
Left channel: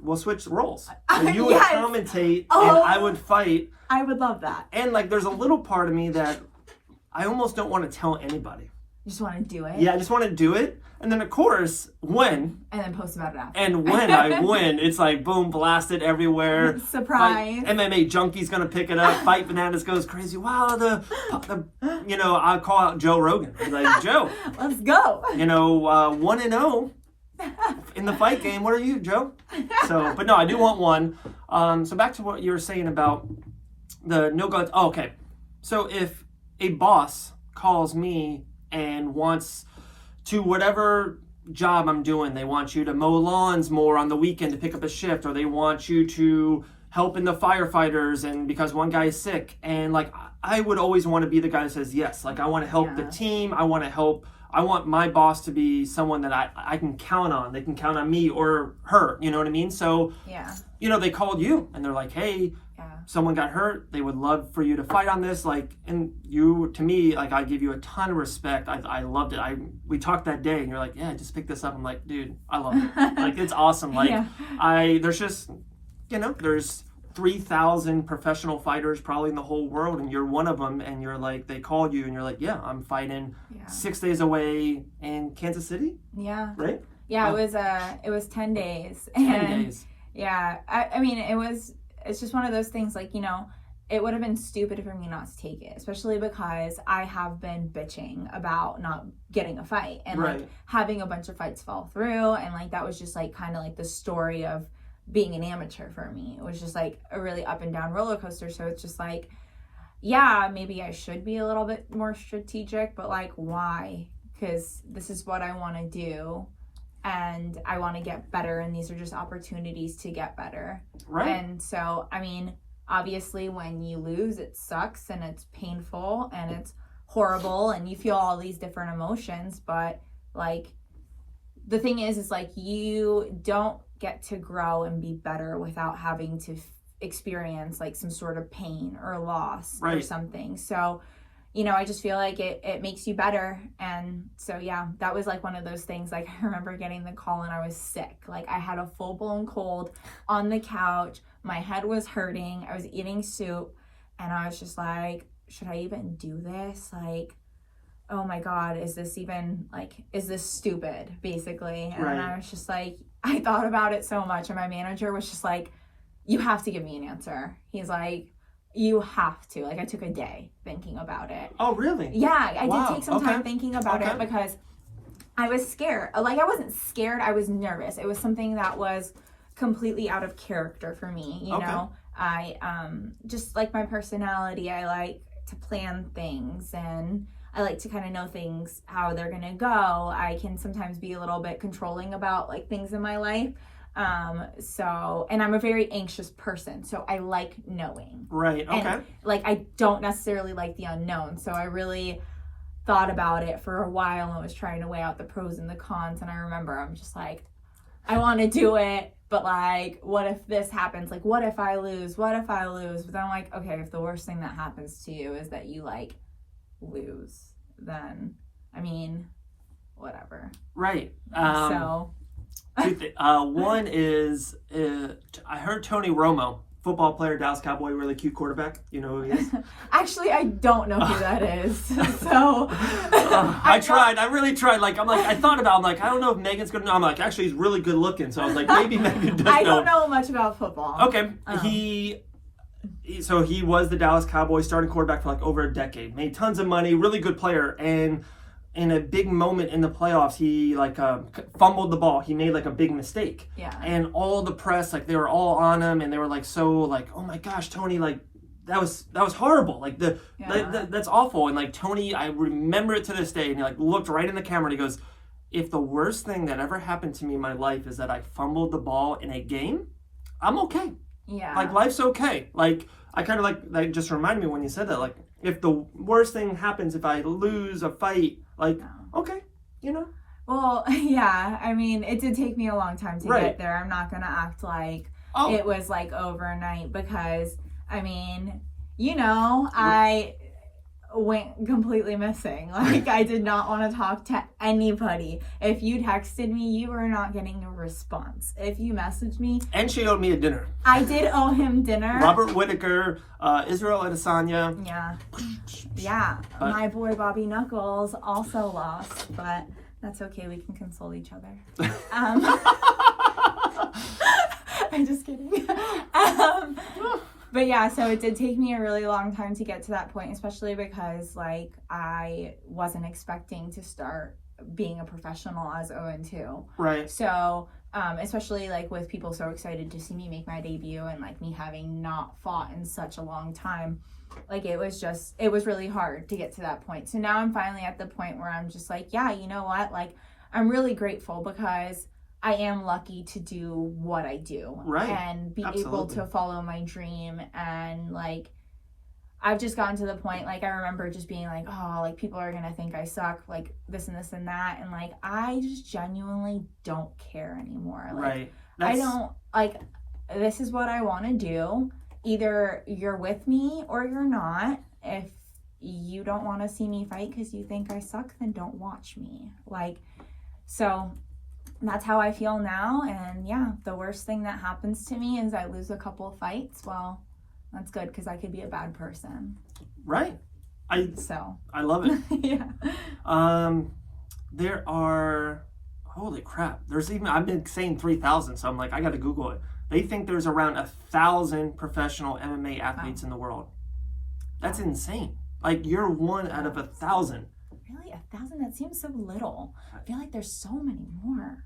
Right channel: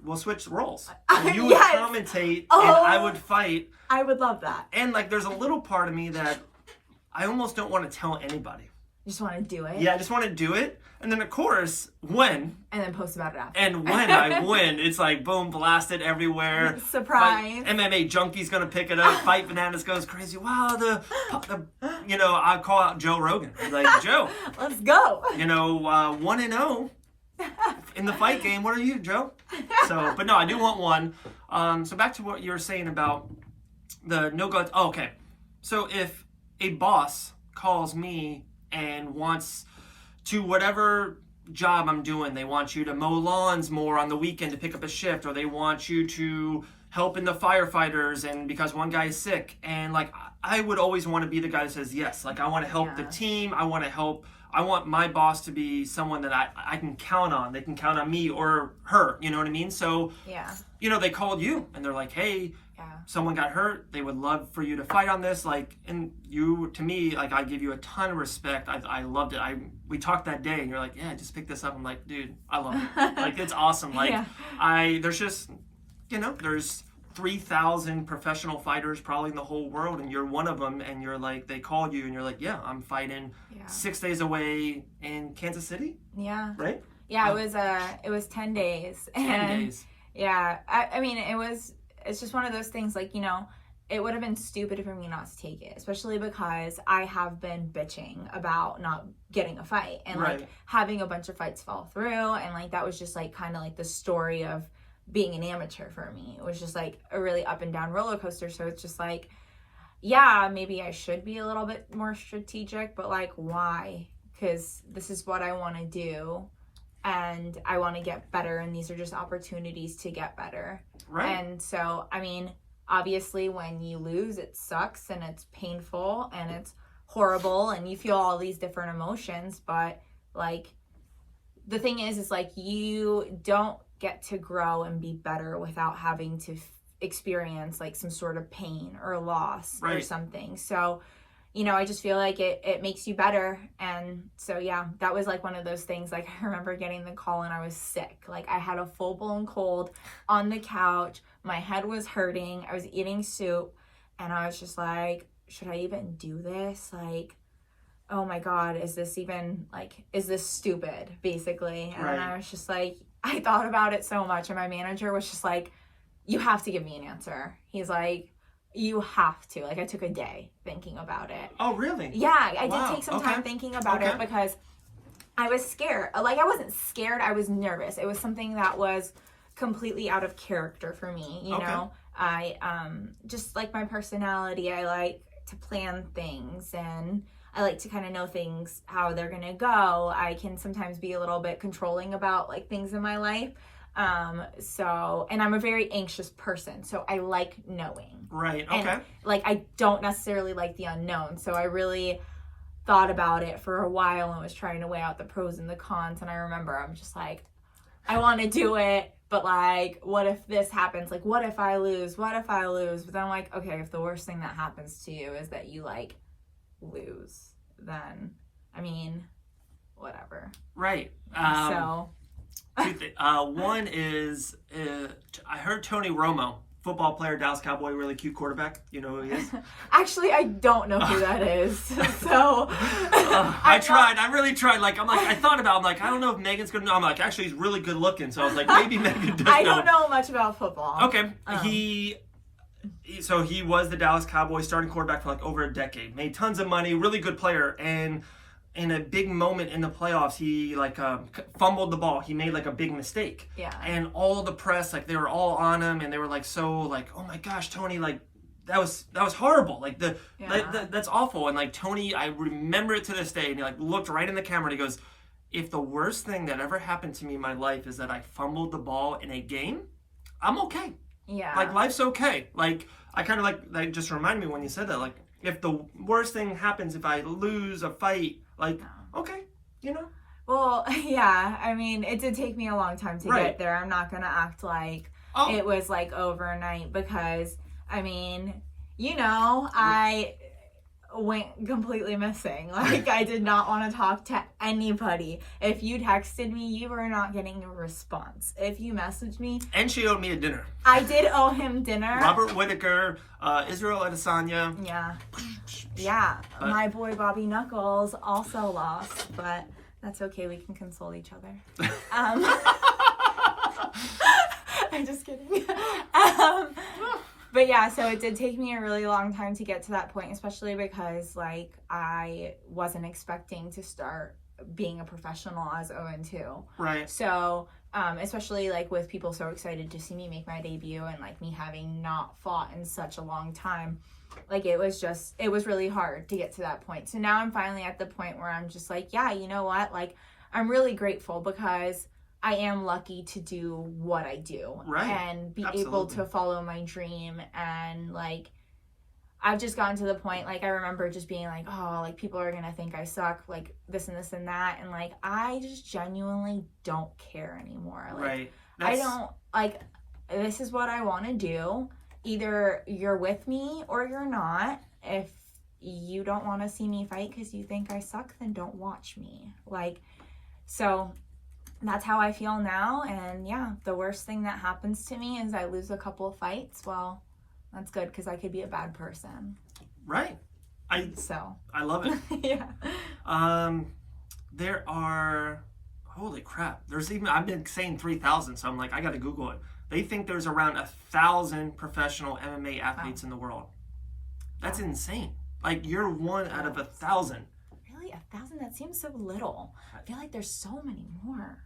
We'll switch roles. You would Yes. commentate, Oh. and I would fight. I would love that. And like, there's a little part of me that I almost don't want to tell anybody. You just want to do it. Yeah, I just want to do it. And then, of course, when and then post about it after. And when I win, it's like, boom, blasted everywhere. Surprise. Like, MMA Junkie's going to pick it up. Fight Bananas goes crazy. Wow, you know, I'll call out Joe Rogan. He's like, Joe. Let's go. You know, 1-0 in the fight game. What are you, Joe? So, but no, I do want one. So back to what you were saying about the no guts. Oh, okay. So if a boss calls me and wants to whatever job I'm doing, they want you to mow lawns more on the weekend to pick up a shift, or they want you to help in the firefighters, and because one guy is sick, and like, I would always want to be the guy that says yes. Like, I want to help the team. I want my boss to be someone that I can count on. They can count on me or her, you know what I mean? So, you know, they called you and they're like, hey, someone got hurt. They would love for you to fight on this. Like, and you, to me, like, I give you a ton of respect. I loved it. We talked that day and you're like, yeah, just pick this up. I'm like, dude, I love it. Like, it's awesome. Like, there's just, you know, there's 3,000 professional fighters probably in the whole world, and you're one of them, and you're like, they called you and you're like, yeah, I'm fighting 6 days away in Kansas City. Yeah. Right? Yeah, it was 10 days. 10 days. Yeah. I mean, it's just one of those things, like, you know, it would have been stupid for me not to take it, especially because I have been bitching about not getting a fight and like having a bunch of fights fall through, and like that was just like kind of like the story of being an amateur for me. It was just like a really up and down roller coaster. So it's just like, yeah, maybe I should be a little bit more strategic, but like, why? Because this is what I want to do, and I want to get better, and these are just opportunities to get better. Right. And so, I mean, obviously when you lose, it sucks and it's painful and it's horrible and you feel all these different emotions, but like, the thing is like, you don't get to grow and be better without having to experience like some sort of pain or loss or something. So, you know, I just feel like it makes you better. And so, yeah, that was like one of those things. Like, I remember getting the call and I was sick. Like, I had a full-blown cold on the couch. My head was hurting. I was eating soup. And I was just like, should I even do this? Like, oh my God, is this even, like, is this stupid, basically? And I was just like, I thought about it so much. And my manager was just like, you have to give me an answer. He's like, you have to. Like, I took a day thinking about it. Oh, really? Yeah, I did take some time thinking about it because I was scared. Like, I wasn't scared. I was nervous. It was something that was completely out of character for me. You know, I just like my personality. I like to plan things, and I like to kind of know things, how they're going to go. I can sometimes be a little bit controlling about like things in my life. So, and I'm a very anxious person, so I like knowing. Right, okay. And, like, I don't necessarily like the unknown, so I really thought about it for a while and was trying to weigh out the pros and the cons, and I remember I'm just like, I want to do it, but like, what if this happens? Like, what if I lose? What if I lose? But then I'm like, okay, if the worst thing that happens to you is that you like lose, then I mean, whatever. Right. So one is I heard Tony Romo, football player, Dallas Cowboy, really cute quarterback. You know who he is? Actually, I don't know who that is. So I really tried. Like, I thought about. I'm like, I don't know if Megan's gonna know. I'm like, actually, he's really good looking. So I was like, maybe Megan does know. I don't know much about football. Okay, he was the Dallas Cowboys starting quarterback for like over a decade. Made tons of money, really good player, and in a big moment in the playoffs, he like fumbled the ball. He made like a big mistake. Yeah. And all the press, like they were all on him, and they were like so like, oh my gosh, Tony, like that was horrible. Like that's awful. And like Tony, I remember it to this day. And he like looked right in the camera and he goes, if the worst thing that ever happened to me in my life is that I fumbled the ball in a game, I'm okay. Yeah. Like life's okay. Like I kind of like just reminded me when you said that. Like if the worst thing happens, if I lose a fight, like okay, you know. Well, yeah. I mean, it did take me a long time to get there. I'm not gonna act like it was like overnight because I mean, you know, I went completely missing. Like I did not want to talk to anybody. If you texted me, you were not getting a response. If you messaged me, and she owed me a dinner. I did owe him dinner. Robert Whitaker, Israel Adesanya. Yeah. My boy Bobby Knuckles also lost, but that's okay. We can console each other. I'm just kidding. But yeah, so it did take me a really long time to get to that point, especially because like I wasn't expecting to start being a professional as 0-2. Right. So, especially like with people so excited to see me make my debut and like me having not fought in such a long time, like it was really hard to get to that point. So now I'm finally at the point where I'm just like, yeah, you know what? Like I'm really grateful because I am lucky to do what I do and be able to follow my dream. And like, I've just gotten to the point, like, I remember just being like, oh, like people are going to think I suck, like this and this and that. And like, I just genuinely don't care anymore. Like, I don't like, this is what I want to do. Either you're with me or you're not. If you don't want to see me fight because you think I suck, then don't watch me. Like, so that's how I feel now. And yeah, the worst thing that happens to me is I lose a couple of fights. Well, that's good because I could be a bad person. Right. I love it. Yeah. There are, holy crap. There's even, I've been saying 3,000, so I'm like, I got to Google it. They think there's around 1,000 professional MMA athletes in the world. That's insane. Like you're one out of 1,000. Really? 1,000? That seems so little. I feel like there's so many more.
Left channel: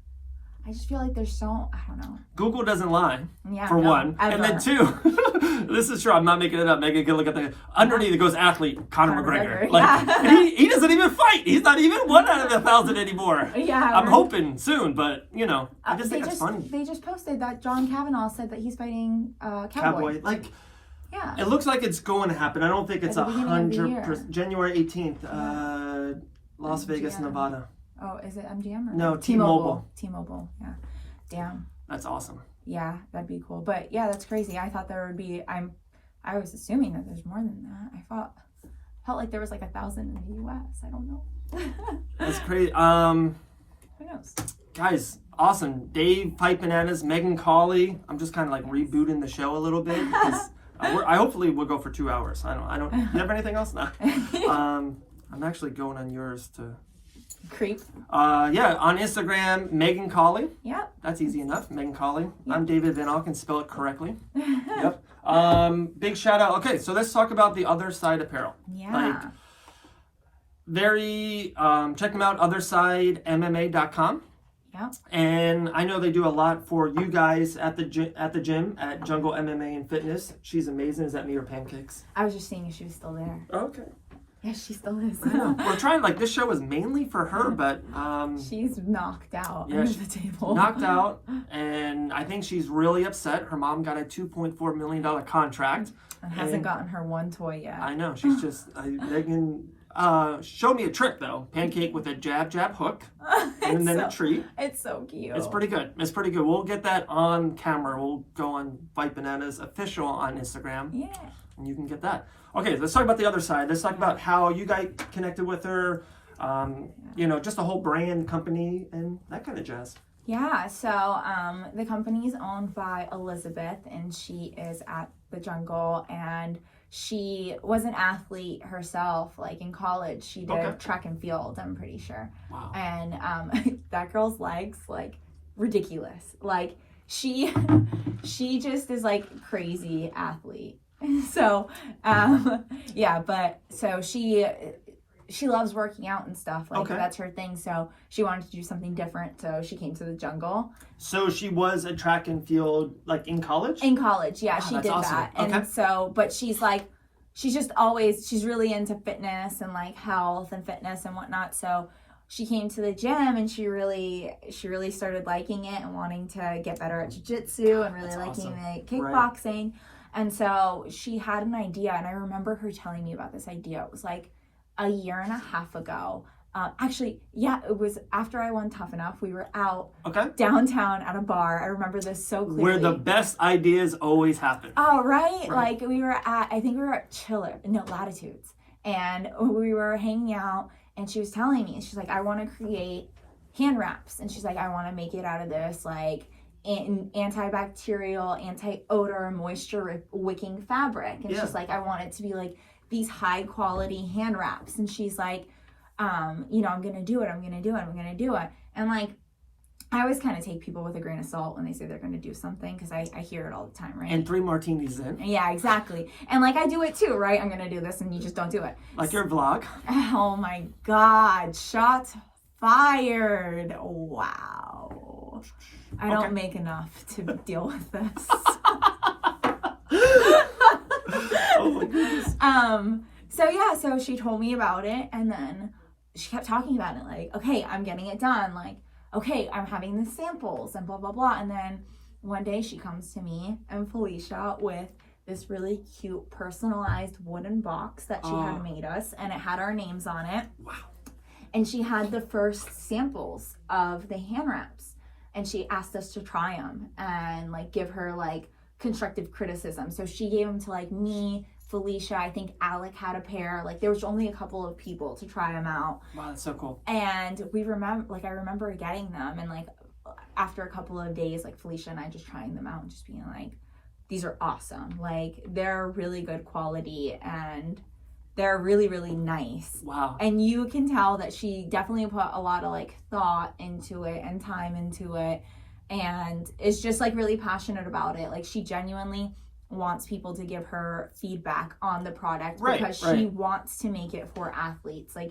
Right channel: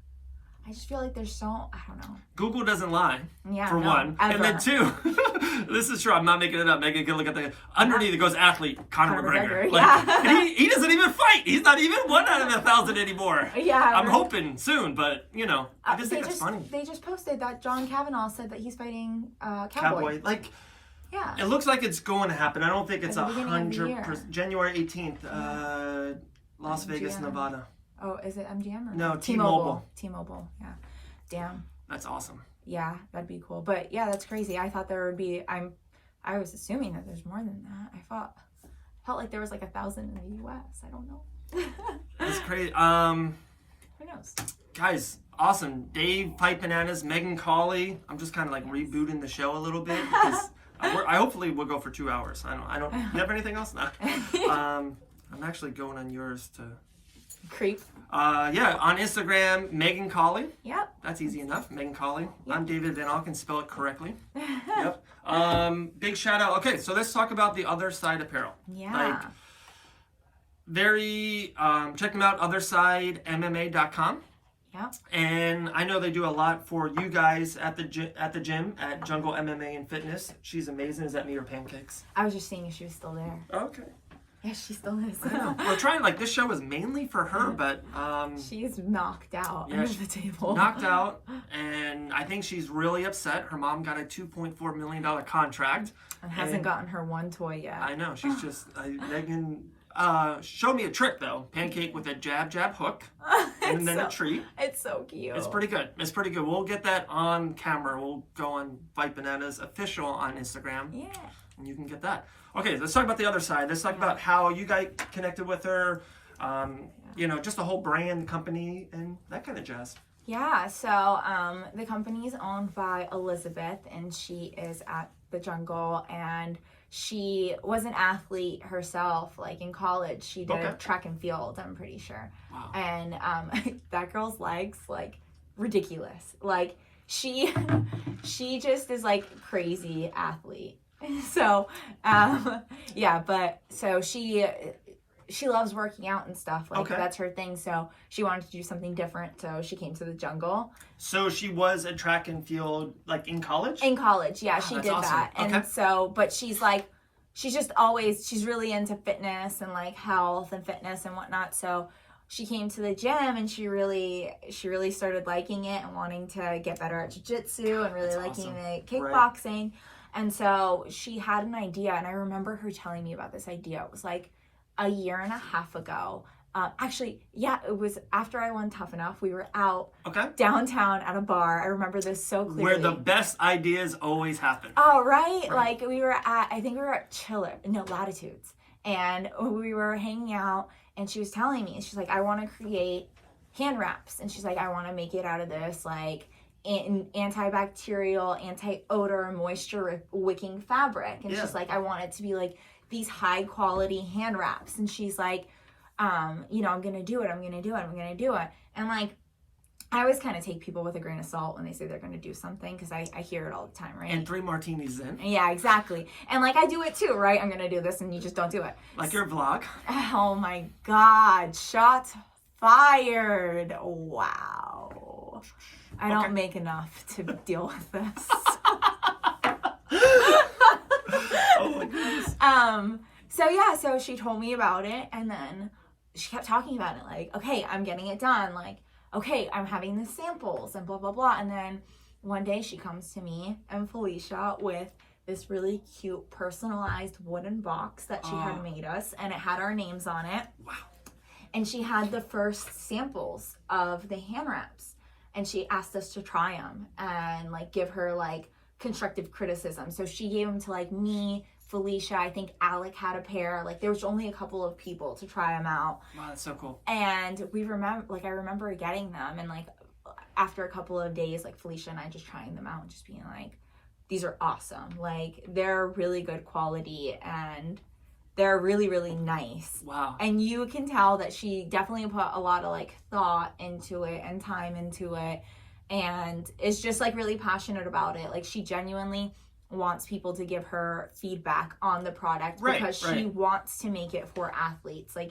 I just feel like there's so, I don't know. Google doesn't lie, for one. Ever. And then two, this is true, I'm not making it up. Megan can look at the, underneath it goes athlete, Conor McGregor. Like, he doesn't even fight. He's not even one out of 1,000 anymore. Yeah. I'm hoping soon, but, you know, I just think it's funny. They just posted that John Kavanaugh said that he's fighting Cowboy. Like, yeah. It looks like it's going to happen. I don't think it's 100%. January 18th, Las Vegas, Nevada. Oh, is it MGM or no? T-Mobile. T-Mobile, yeah. Damn. That's awesome. Yeah, that'd be cool. But yeah, that's crazy. I thought there would be. I was assuming that there's more than that. Felt like there was like 1,000 in the U.S. I don't know. That's crazy. Who knows? Guys, awesome. Dave, Pipe Bananas, Megan Cawley. I'm just kind of like rebooting the show a little bit because I hopefully we'll go for 2 hours. I don't. You have anything else? No. I'm actually going on yours to. Creep. Yeah, on Instagram, Megan Cawley. Yep. That's easy enough. Megan Cawley. Yep. I'm David Van Alken, spell it correctly. Yep. Big shout out. Okay, so let's talk about the Other Side apparel. Yeah. Like, very, check them out, OtherSideMMA.com. Yep. And I know they do a lot for you guys at the gym at Jungle MMA and Fitness. She's amazing. Is that me or pancakes? I was just seeing if she was still there. Okay. Yeah, she still is. I know. We're trying, like, this show is mainly for her, but she's knocked out yeah, under the table. Knocked out, and I think she's really upset. Her mom got a $2.4 million contract. And hasn't gotten her one toy yet. I know. She's just, Megan showed me a trick, though. Pancake with a jab, jab, hook, and then a treat. It's so cute. It's pretty good. It's pretty good. We'll get that on camera. We'll go on Fight Bananas official on Instagram. Yeah. And you can get that. Okay, let's talk about the other side. Let's talk about how you guys connected with her, you know, just the whole brand, company, and that kind of jazz. Yeah, so the company is owned by Elizabeth, and she is at the Jungle, and she was an athlete herself, like in college. She did track and field, I'm pretty sure. Wow. And that girl's legs, like, ridiculous. Like, she just is, like, crazy athlete. So, yeah, but so she loves working out and stuff. Like, that's her thing. So she wanted to do something different. So she came to the Jungle. So she was a track and field, like, in college? In college, yeah, she did awesome. that. And so, but she's like, she's just always, she's really into fitness and like health and fitness and whatnot. So she came to the gym and she really started liking it and wanting to get better at jiu-jitsu and really liking the kickboxing. Right. And so she had an idea, and I remember her telling me about this idea. It was like a year and a half ago. Actually, yeah, it was after I won Tough Enough. We were out downtown at a bar. I remember this so clearly. Where the best ideas always happen. Oh, right? Like, we were at, I think we were at Latitudes. And we were hanging out, and she was telling me, she's like, I want to create hand wraps. And she's like, I want to make it out of this, like, antibacterial, anti-odor, moisture wicking fabric. And she's like, I want it to be like these high quality hand wraps. And she's like, you know, I'm gonna do it. And like, I always kind of take people with a grain of salt when they say they're gonna do something, because I hear it all the time, right? And 3 martinis in. Yeah, exactly. And like, I do it too, right? I'm gonna do this, and you just don't do it. Like your vlog. Oh my God, shots fired. Wow. I don't make enough to deal with this. Oh my goodness. So she told me about it, and then she kept talking about it, like, okay, I'm getting it done, like, okay, I'm having the samples and blah blah blah. And then one day she comes to me and Felicia with this really cute personalized wooden box that she had made us, and it had our names on it. Wow. And she had the first samples of the hand wraps, and she asked us to try them and like give her like constructive criticism. So she gave them to like me, Felicia, I think Alec had a pair. Like, there was only a couple of people to try them out. Wow, that's so cool. And I remember getting them, and like after a couple of days, like Felicia and I just trying them out and just being like, these are awesome. Like, they're really good quality and they're really, really nice. Wow. And you can tell that she definitely put a lot of like thought into it and time into it, and is just like really passionate about it. Like, she genuinely wants people to give her feedback on the product, because she wants to make it for athletes. Like,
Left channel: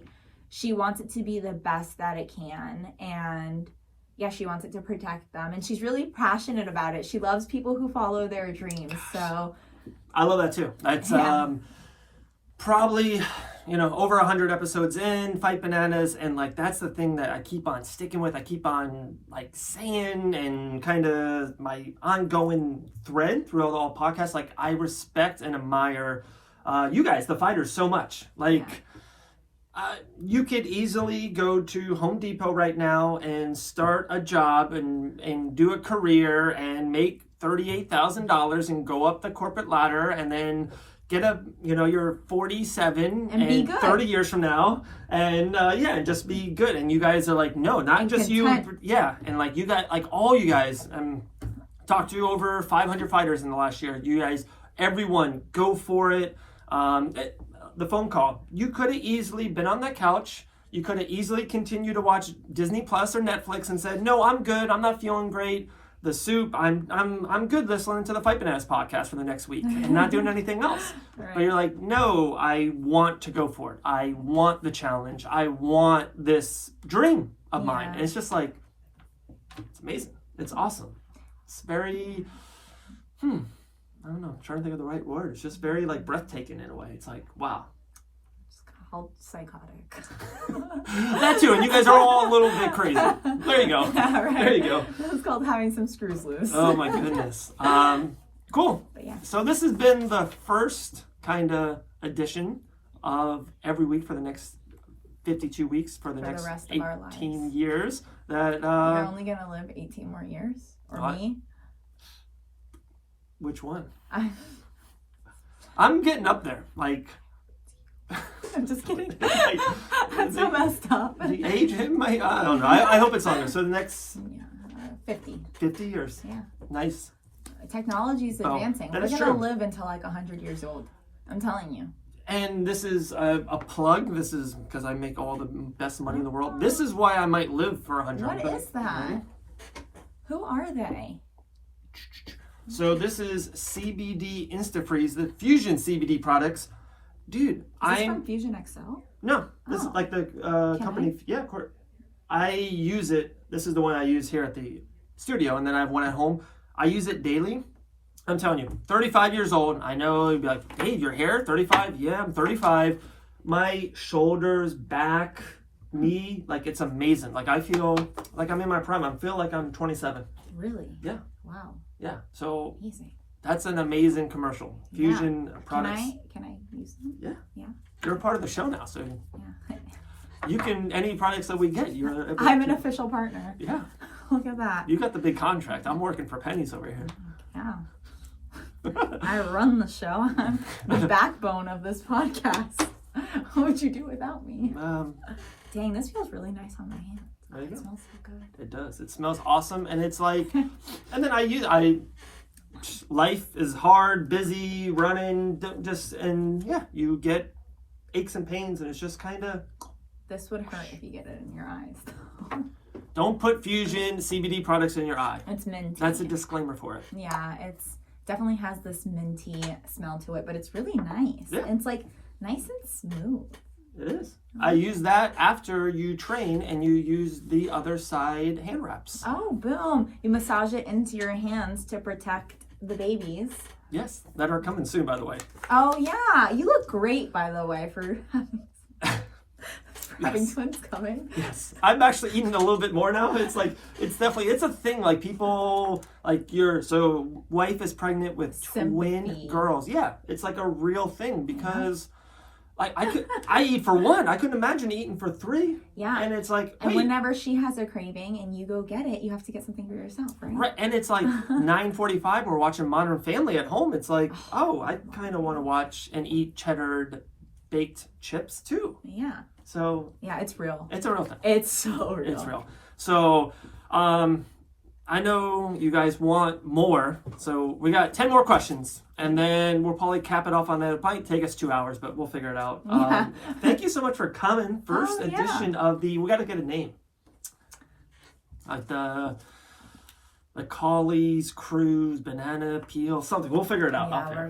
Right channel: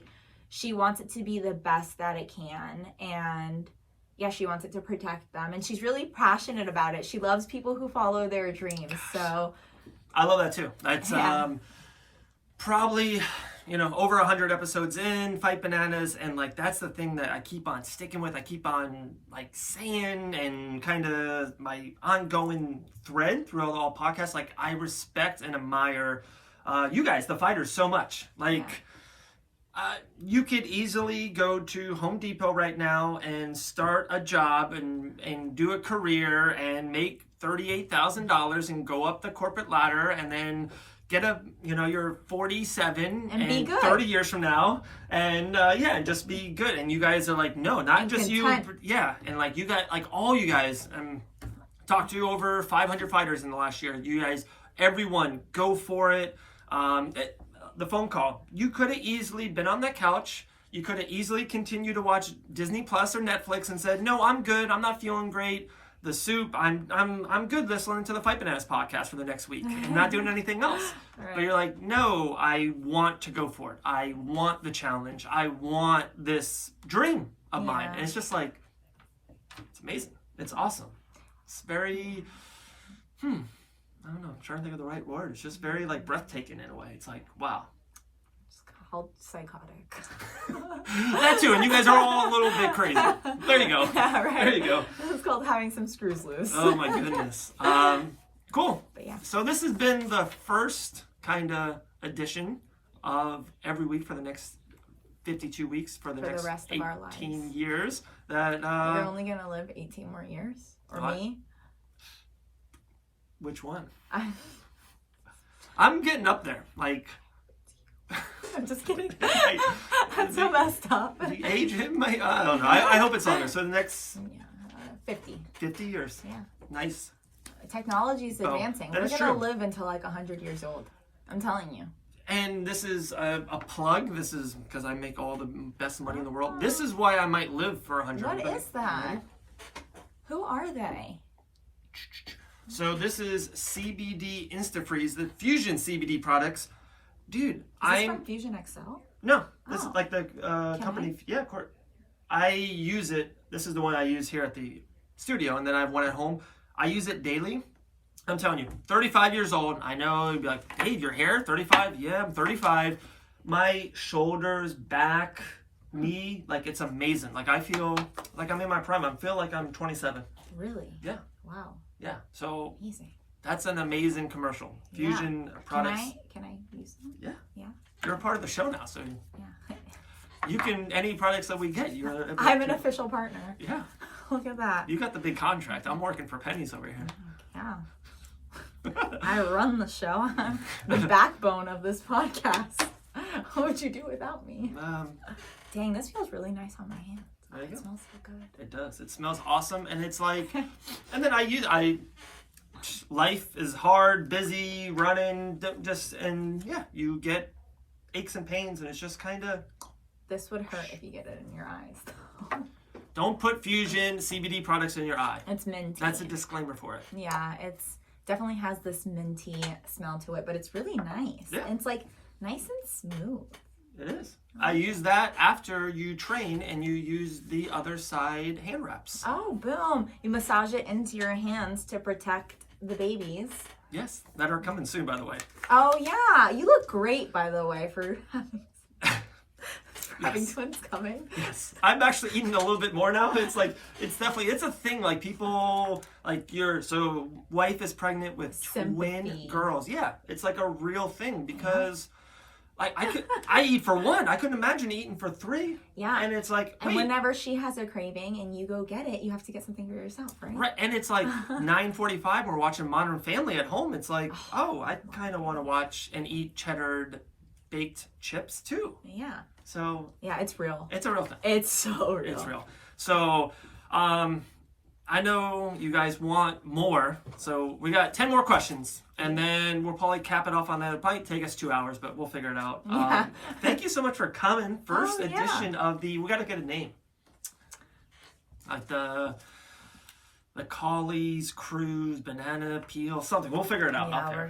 she wants it to be the best that it can, and yeah, she wants it to protect them, and she's really passionate about it. She loves people who follow their dreams. So I love that too. That's probably, you know, over 100 episodes in Fight Bananas, and like, that's the thing that I keep on sticking with. I keep on like saying, and kind of my ongoing thread throughout all podcasts, like, I respect and admire you guys, the fighters, so much. Like, you could easily go to Home Depot right now and start a job and do a career and make $38,000 and go up the corporate ladder, and then get you're 47 and 30 years from now, and and just be good. And you guys are like, no, not and just content. And like, you got, like, all you guys, talked to over 500 fighters in the last year. You guys, everyone, go for it. The phone call, you could have easily been on that couch. You could have easily continued to watch Disney Plus or Netflix and said, no, I'm good. I'm not feeling great. The soup, I'm good listening to the Fight Bananas podcast for the next week and not doing anything else. Right. But you're like, no, I want to go for it. I want the challenge. I want this dream of mine. And it's just like, it's amazing. It's awesome. It's very, I don't know, I'm trying to think of the right word. It's just very like breathtaking in a way. It's like, wow. How psychotic. That too, and you guys are all a little bit crazy. There you go. Yeah, right. There you go. It's called having some screws loose. Oh my goodness. Cool. But yeah. So this has been the first kind of edition of every week for the next 52 weeks for the next rest of our lives. 18 years. That You're only gonna live 18 more years, or me? Which one? I'm getting up there. Like, I'm just kidding. Like, That's so messed up. the age it might. I don't know. I hope it's longer. So the next 50. 50 years. Yeah. Nice. Technology's advancing. that We're is gonna true. live until like 100 years old. I'm telling you. And this is a plug. This is because I make all the best money in the world. This is why I might live for 100. What is that? Right? Who are they? So this is CBD InstaFreeze, the Fusion CBD products. Dude, Is this from Fusion XL? No, this is Oh. like the company. Yeah, of course. I use it. This is the one I use here at the studio, and then I have one at home. I use it daily. I'm telling you, 35 years old. I know you'd be like, Dave, your hair, 35? Yeah, I'm 35. My shoulders, back, knee, like it's amazing. Like I feel like I'm in my prime. I feel like I'm 27. Really? Yeah. Wow. Yeah. So Amazing. that's an amazing commercial. Fusion products. Can I use them? Yeah. Yeah. You're a part of the show now, so Yeah. you can any products that we get. You're. I'm an official partner. Yeah. Look at that. You got the big contract. I'm working for pennies over here. Yeah. I run the show. I'm the backbone of this podcast. What would you do without me? Dang, this feels really nice on my hands. There you It go. smells so good. It does. It smells awesome, and it's like, and then life is hard, busy, running, and yeah, you get aches and pains, and it's just kind of. This would hurt if you get it in your eyes. Don't put Fusion CBD products in your eye. It's minty. That's a disclaimer for it. Yeah, it's definitely has this minty smell to it, but it's really nice. Yeah. It's like nice and smooth. It is. I use that after you train, and you use the other side hand wraps. Oh, boom. You massage it into your hands to protect the babies. Yes, that are coming soon, by the way. Oh, yeah. You look great, by the way, for having Yes. twins coming. Yes, I'm actually eating a little bit more now. It's like it's a thing. Like people, like so wife is pregnant with twin Sympathy. girls. Yeah, it's like a real thing because I eat for one. I couldn't imagine eating for three. Yeah. And it's like And wait, whenever she has a craving and you go get it, you have to get something for yourself, right? right? And it's like 9:45. We're watching Modern Family at home. It's like I kind of want to watch and eat cheddar baked chips too. Yeah. So Yeah, it's real. it's a real thing. It's so real. It's real. So, I know you guys want more. So we got 10 more questions, and then we'll probably cap it off on that. It might take us 2 hours, but we'll figure it out. Yeah. Thank you so much for coming. First Oh, yeah. edition of we got to get a name. Like the Cawley's Cruise, Banana Peel, something. We'll figure it out. Yeah, out there. we're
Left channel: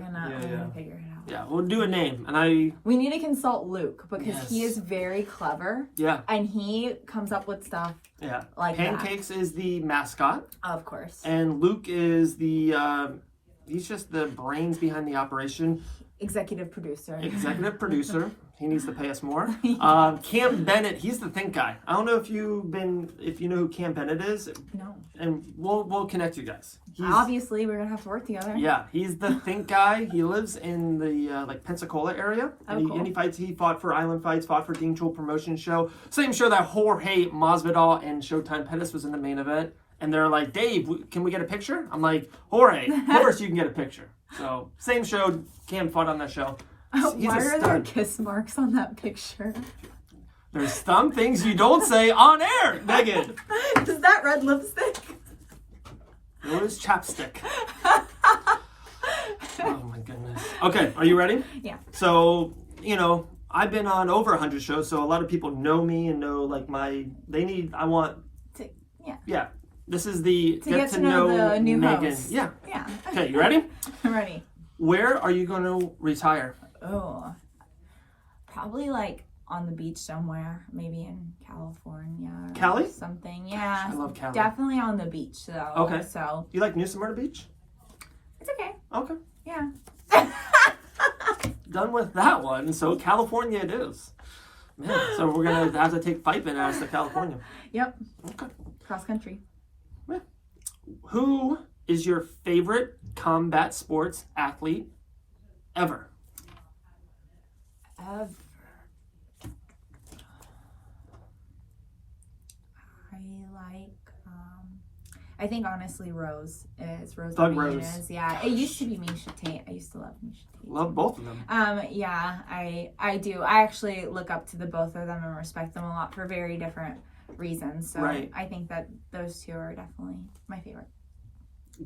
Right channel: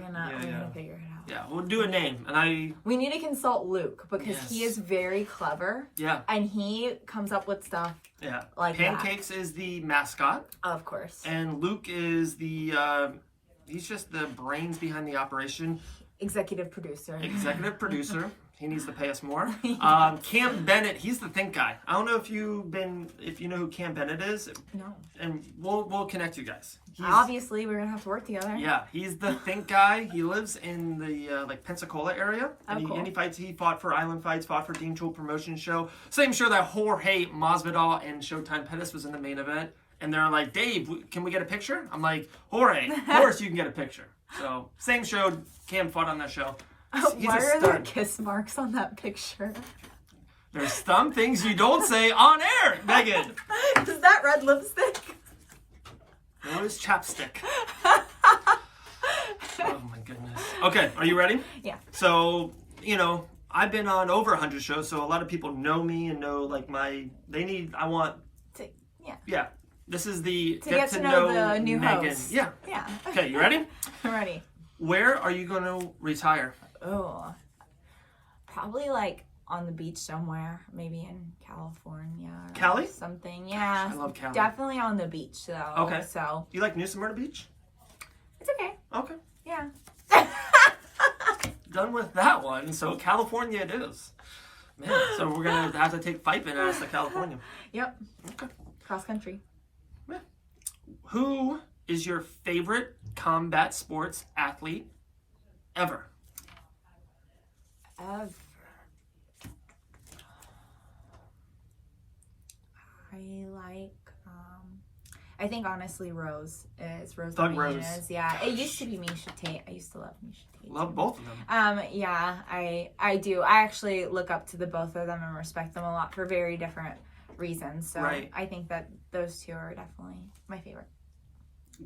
gonna figure it out. Yeah, we'll do a name, and We need to consult Luke because Yes. he is very clever yeah, and he comes up with stuff, yeah. Like Pancakes is the mascot. of course. And Luke is he's just the brains behind the operation. Executive producer. Executive producer. He needs to pay us more. Cam Bennett, he's the think guy. I don't know if you know who Cam Bennett is, No. and we'll connect you guys. Obviously, we're gonna have to work together. Yeah, he's the think guy. He lives in the Pensacola area, and, cool. he fights. He fought for Island Fights, fought for Dean Tool Promotion Show, same show that Jorge Masvidal and Showtime Pettis was in the main event. And they're like, Dave, can we get a picture? I'm like, Jorge, of course you can get a picture. So same show. Cam fought on that show. He's Why a are there stud. kiss marks on that picture? There's some things you don't say on air, Megan. Is that red lipstick? It was chapstick. Oh my goodness. Okay, are you ready? Yeah. So, I've been on over 100 shows, so a lot of people know me and know yeah. This is the To get to know the new Megan. host. Yeah. Yeah. Okay, you ready? I'm ready. Where are you going to retire? Oh, probably like on the beach somewhere, maybe in California. Or Cali? something. Yeah. I love Cali. Definitely on the beach though. Okay. So You like New Smyrna Beach? it's okay. Okay. Yeah. Done with that one. So California it is. Man, so we're gonna have to take Fife and ask to California. Yep. Okay. Cross country. Yeah. Who is your favorite combat sports athlete ever? Ever. I think honestly Rose is Rose. Doug Rose. Yeah, it used to be Misha Tate. I used to love Misha Tate. Love both of them. Yeah, I do. I actually look up to the both of them and respect them a lot for very different reasons. So Right. I think that those two are definitely my favorite.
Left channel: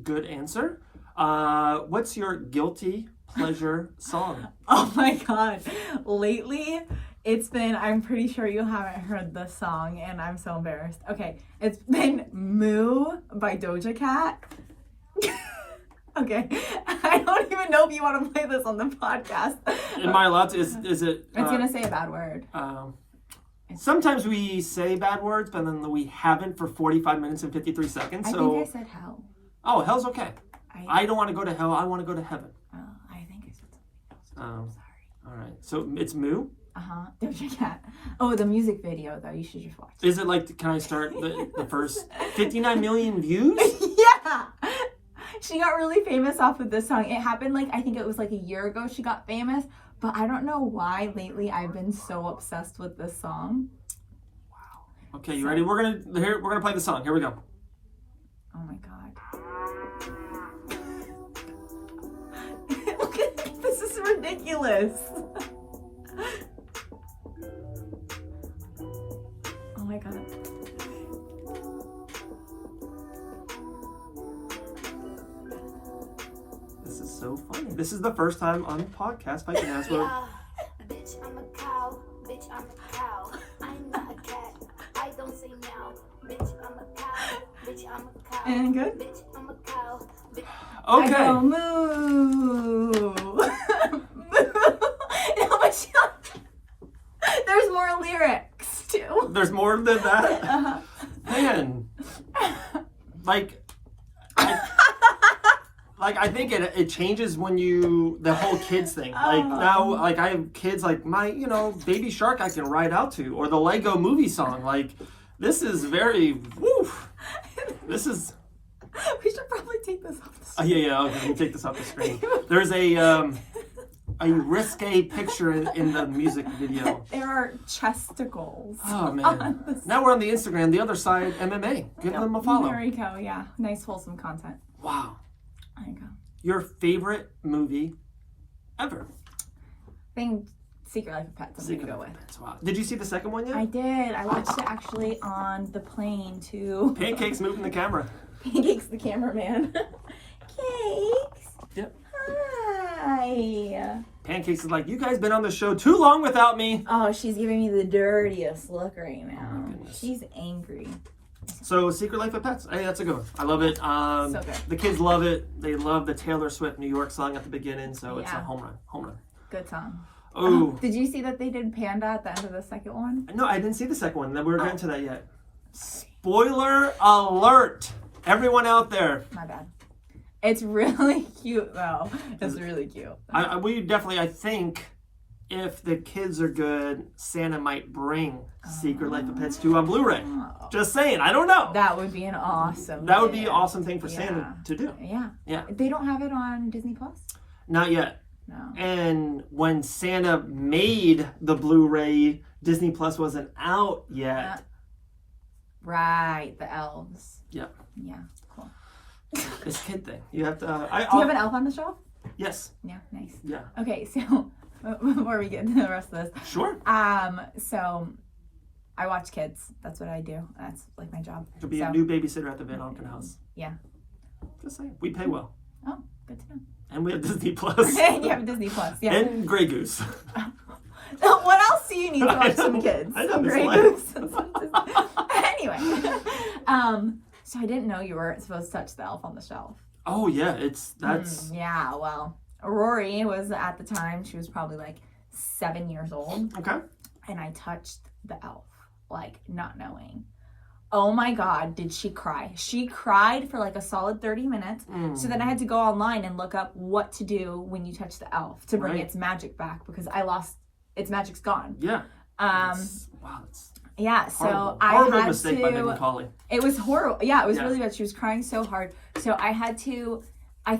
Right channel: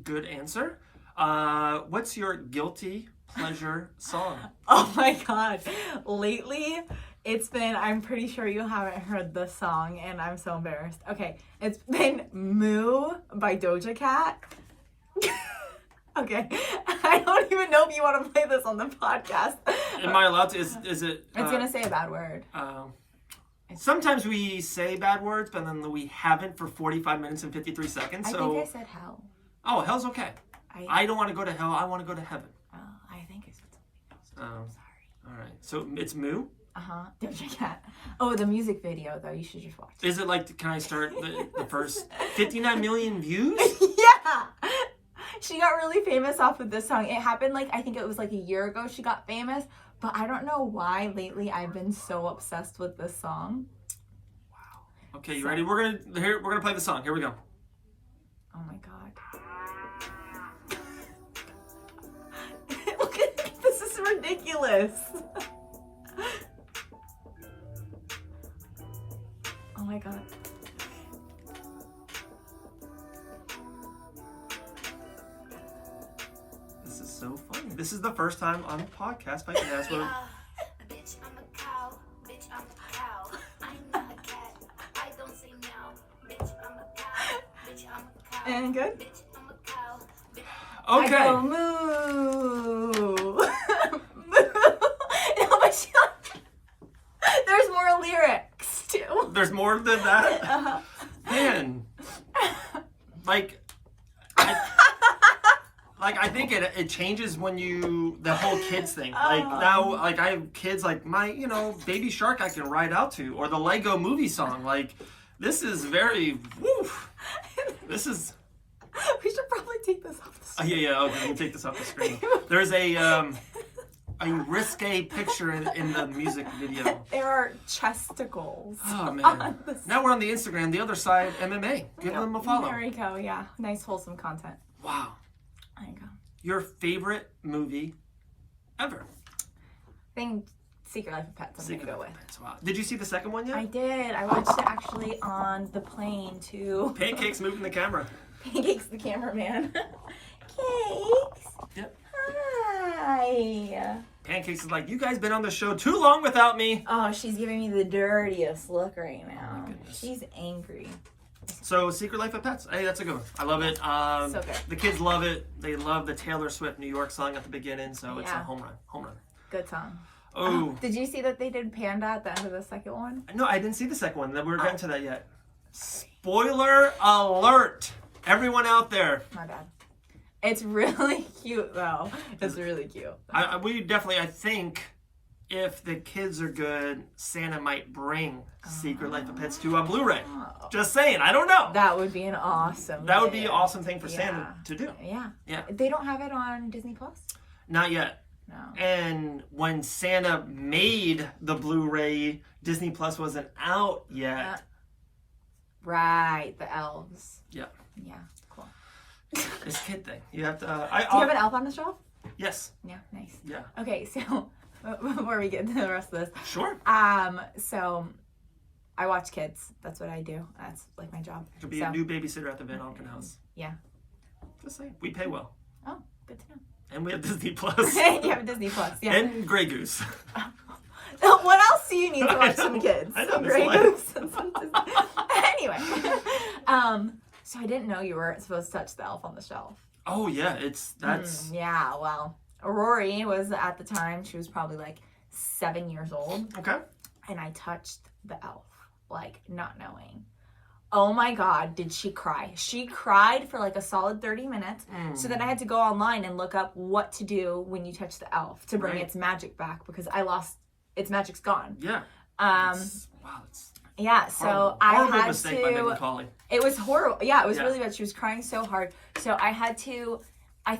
Good answer. What's your guilty pleasure song? Oh my god. Lately, it's been, I'm pretty sure you haven't heard this song and I'm so embarrassed. Okay, it's been Moo by Doja Cat. Okay, I don't even know if you want to play this on the podcast. Am I allowed to? Is it? It's gonna say a bad word. Sometimes we say bad words, but then we haven't for 45 minutes and 53 seconds. I So, think I said hell. oh, hell's okay. I don't want to go to hell. I want to go to heaven. I think I said something else. Oh, Sorry. all right. So it's Moo. Doja Cat. Oh, the music video though, you should just watch. Is it like? Can I start the first 59 million views? Yeah. She got really famous off of this song. It happened like, I think it was like a year ago she got famous, but I don't know why lately I've been so obsessed with this song. Wow. Okay, you ready? We're gonna play the song. Here we go. Oh my god. Look at this is ridiculous. Oh my god. This is so funny. This is the first time on the podcast I can ask for. Bitch, I'm a cow. Bitch, I'm a cow. I'm not a cat. I don't say meow. Bitch, I'm a cow. Bitch, I'm a cow. And good? Bitch, I'm a cow. Bitch, Okay. I go moo. No, but there's more lyrics too. There's more than that. Uh-huh. Man, like, I think it changes when the whole kids thing. Like now, like I have kids, like my, Baby Shark I can ride out to, or the Lego Movie song. Like, this is very, woo. This is. We should probably take this off the screen. Yeah, okay, let me take this off the screen. There's a risque picture in the music video. There are chesticles. Oh man. Now we're on the Instagram, the other side, MMA. Give them a follow. There we go, yeah. Nice wholesome content. Wow. There you go. Your favorite movie ever? I think Secret Life of Pets I'm gonna go with. Wow. Did you see the second one yet? I did. I watched it actually on the plane too. Pancakes moving the camera. Pancakes the cameraman. Cakes. Yep. Hi. Pancakes is like, you guys been on the show too long without me. Oh, she's giving me the dirtiest look right now. Oh my goodness. She's angry. So, Secret Life of Pets. Hey, that's a good one. I love it. So good. The kids love it. They love the Taylor Swift New York song at the beginning, so it's a Yeah. home run. Home run. Good song. Oh. Did you see that they did Panda at the end of the second one? No, I didn't see the second one. We're getting to that yet. Spoiler alert! Everyone out there. My bad. It's really cute though. It's really cute. We definitely, I think, if the kids are good, Santa might bring Secret Life of Pets to a Blu-ray. Oh. Just saying, I don't know. That would be an awesome. That would be an gift. awesome thing for Santa to do. Yeah. Yeah. They don't have it on Disney Plus? Not yet. No. And when Santa made the Blu-ray, Disney Plus wasn't out yet. Right, the elves. Yep. Yeah, cool. This kid thing. You have to. Do you have an elf on the shelf? Yes. Yeah, nice. Yeah. Okay, so before we get to the rest of this, Sure. so I watch kids. That's what I do. That's like my job. Could be a new babysitter at the Van Auken house. Yeah. Just saying. We pay well. Oh, good to know. And we have Disney Plus. You have Disney Plus, yeah. And Grey Goose. What else do you need to watch some kids? I know this Grey line. Goose. Anyway, so I didn't know you weren't supposed to touch the elf on the shelf. Oh yeah, that's Yeah, well, Rory was at the time, she was probably like 7 years old. okay. And I touched the elf, like not knowing. Oh my God, did she cry? She cried for like a solid 30 minutes. So then I had to go online and look up what to do when you touch the elf to bring Right. its magic back because I lost, its magic's gone. Yeah. Wow, Yeah, horrible. so I Horrible had mistake by Megan Cawley. It was horrible. Yeah, it was Yeah. really bad. She was crying so hard. So I had to, I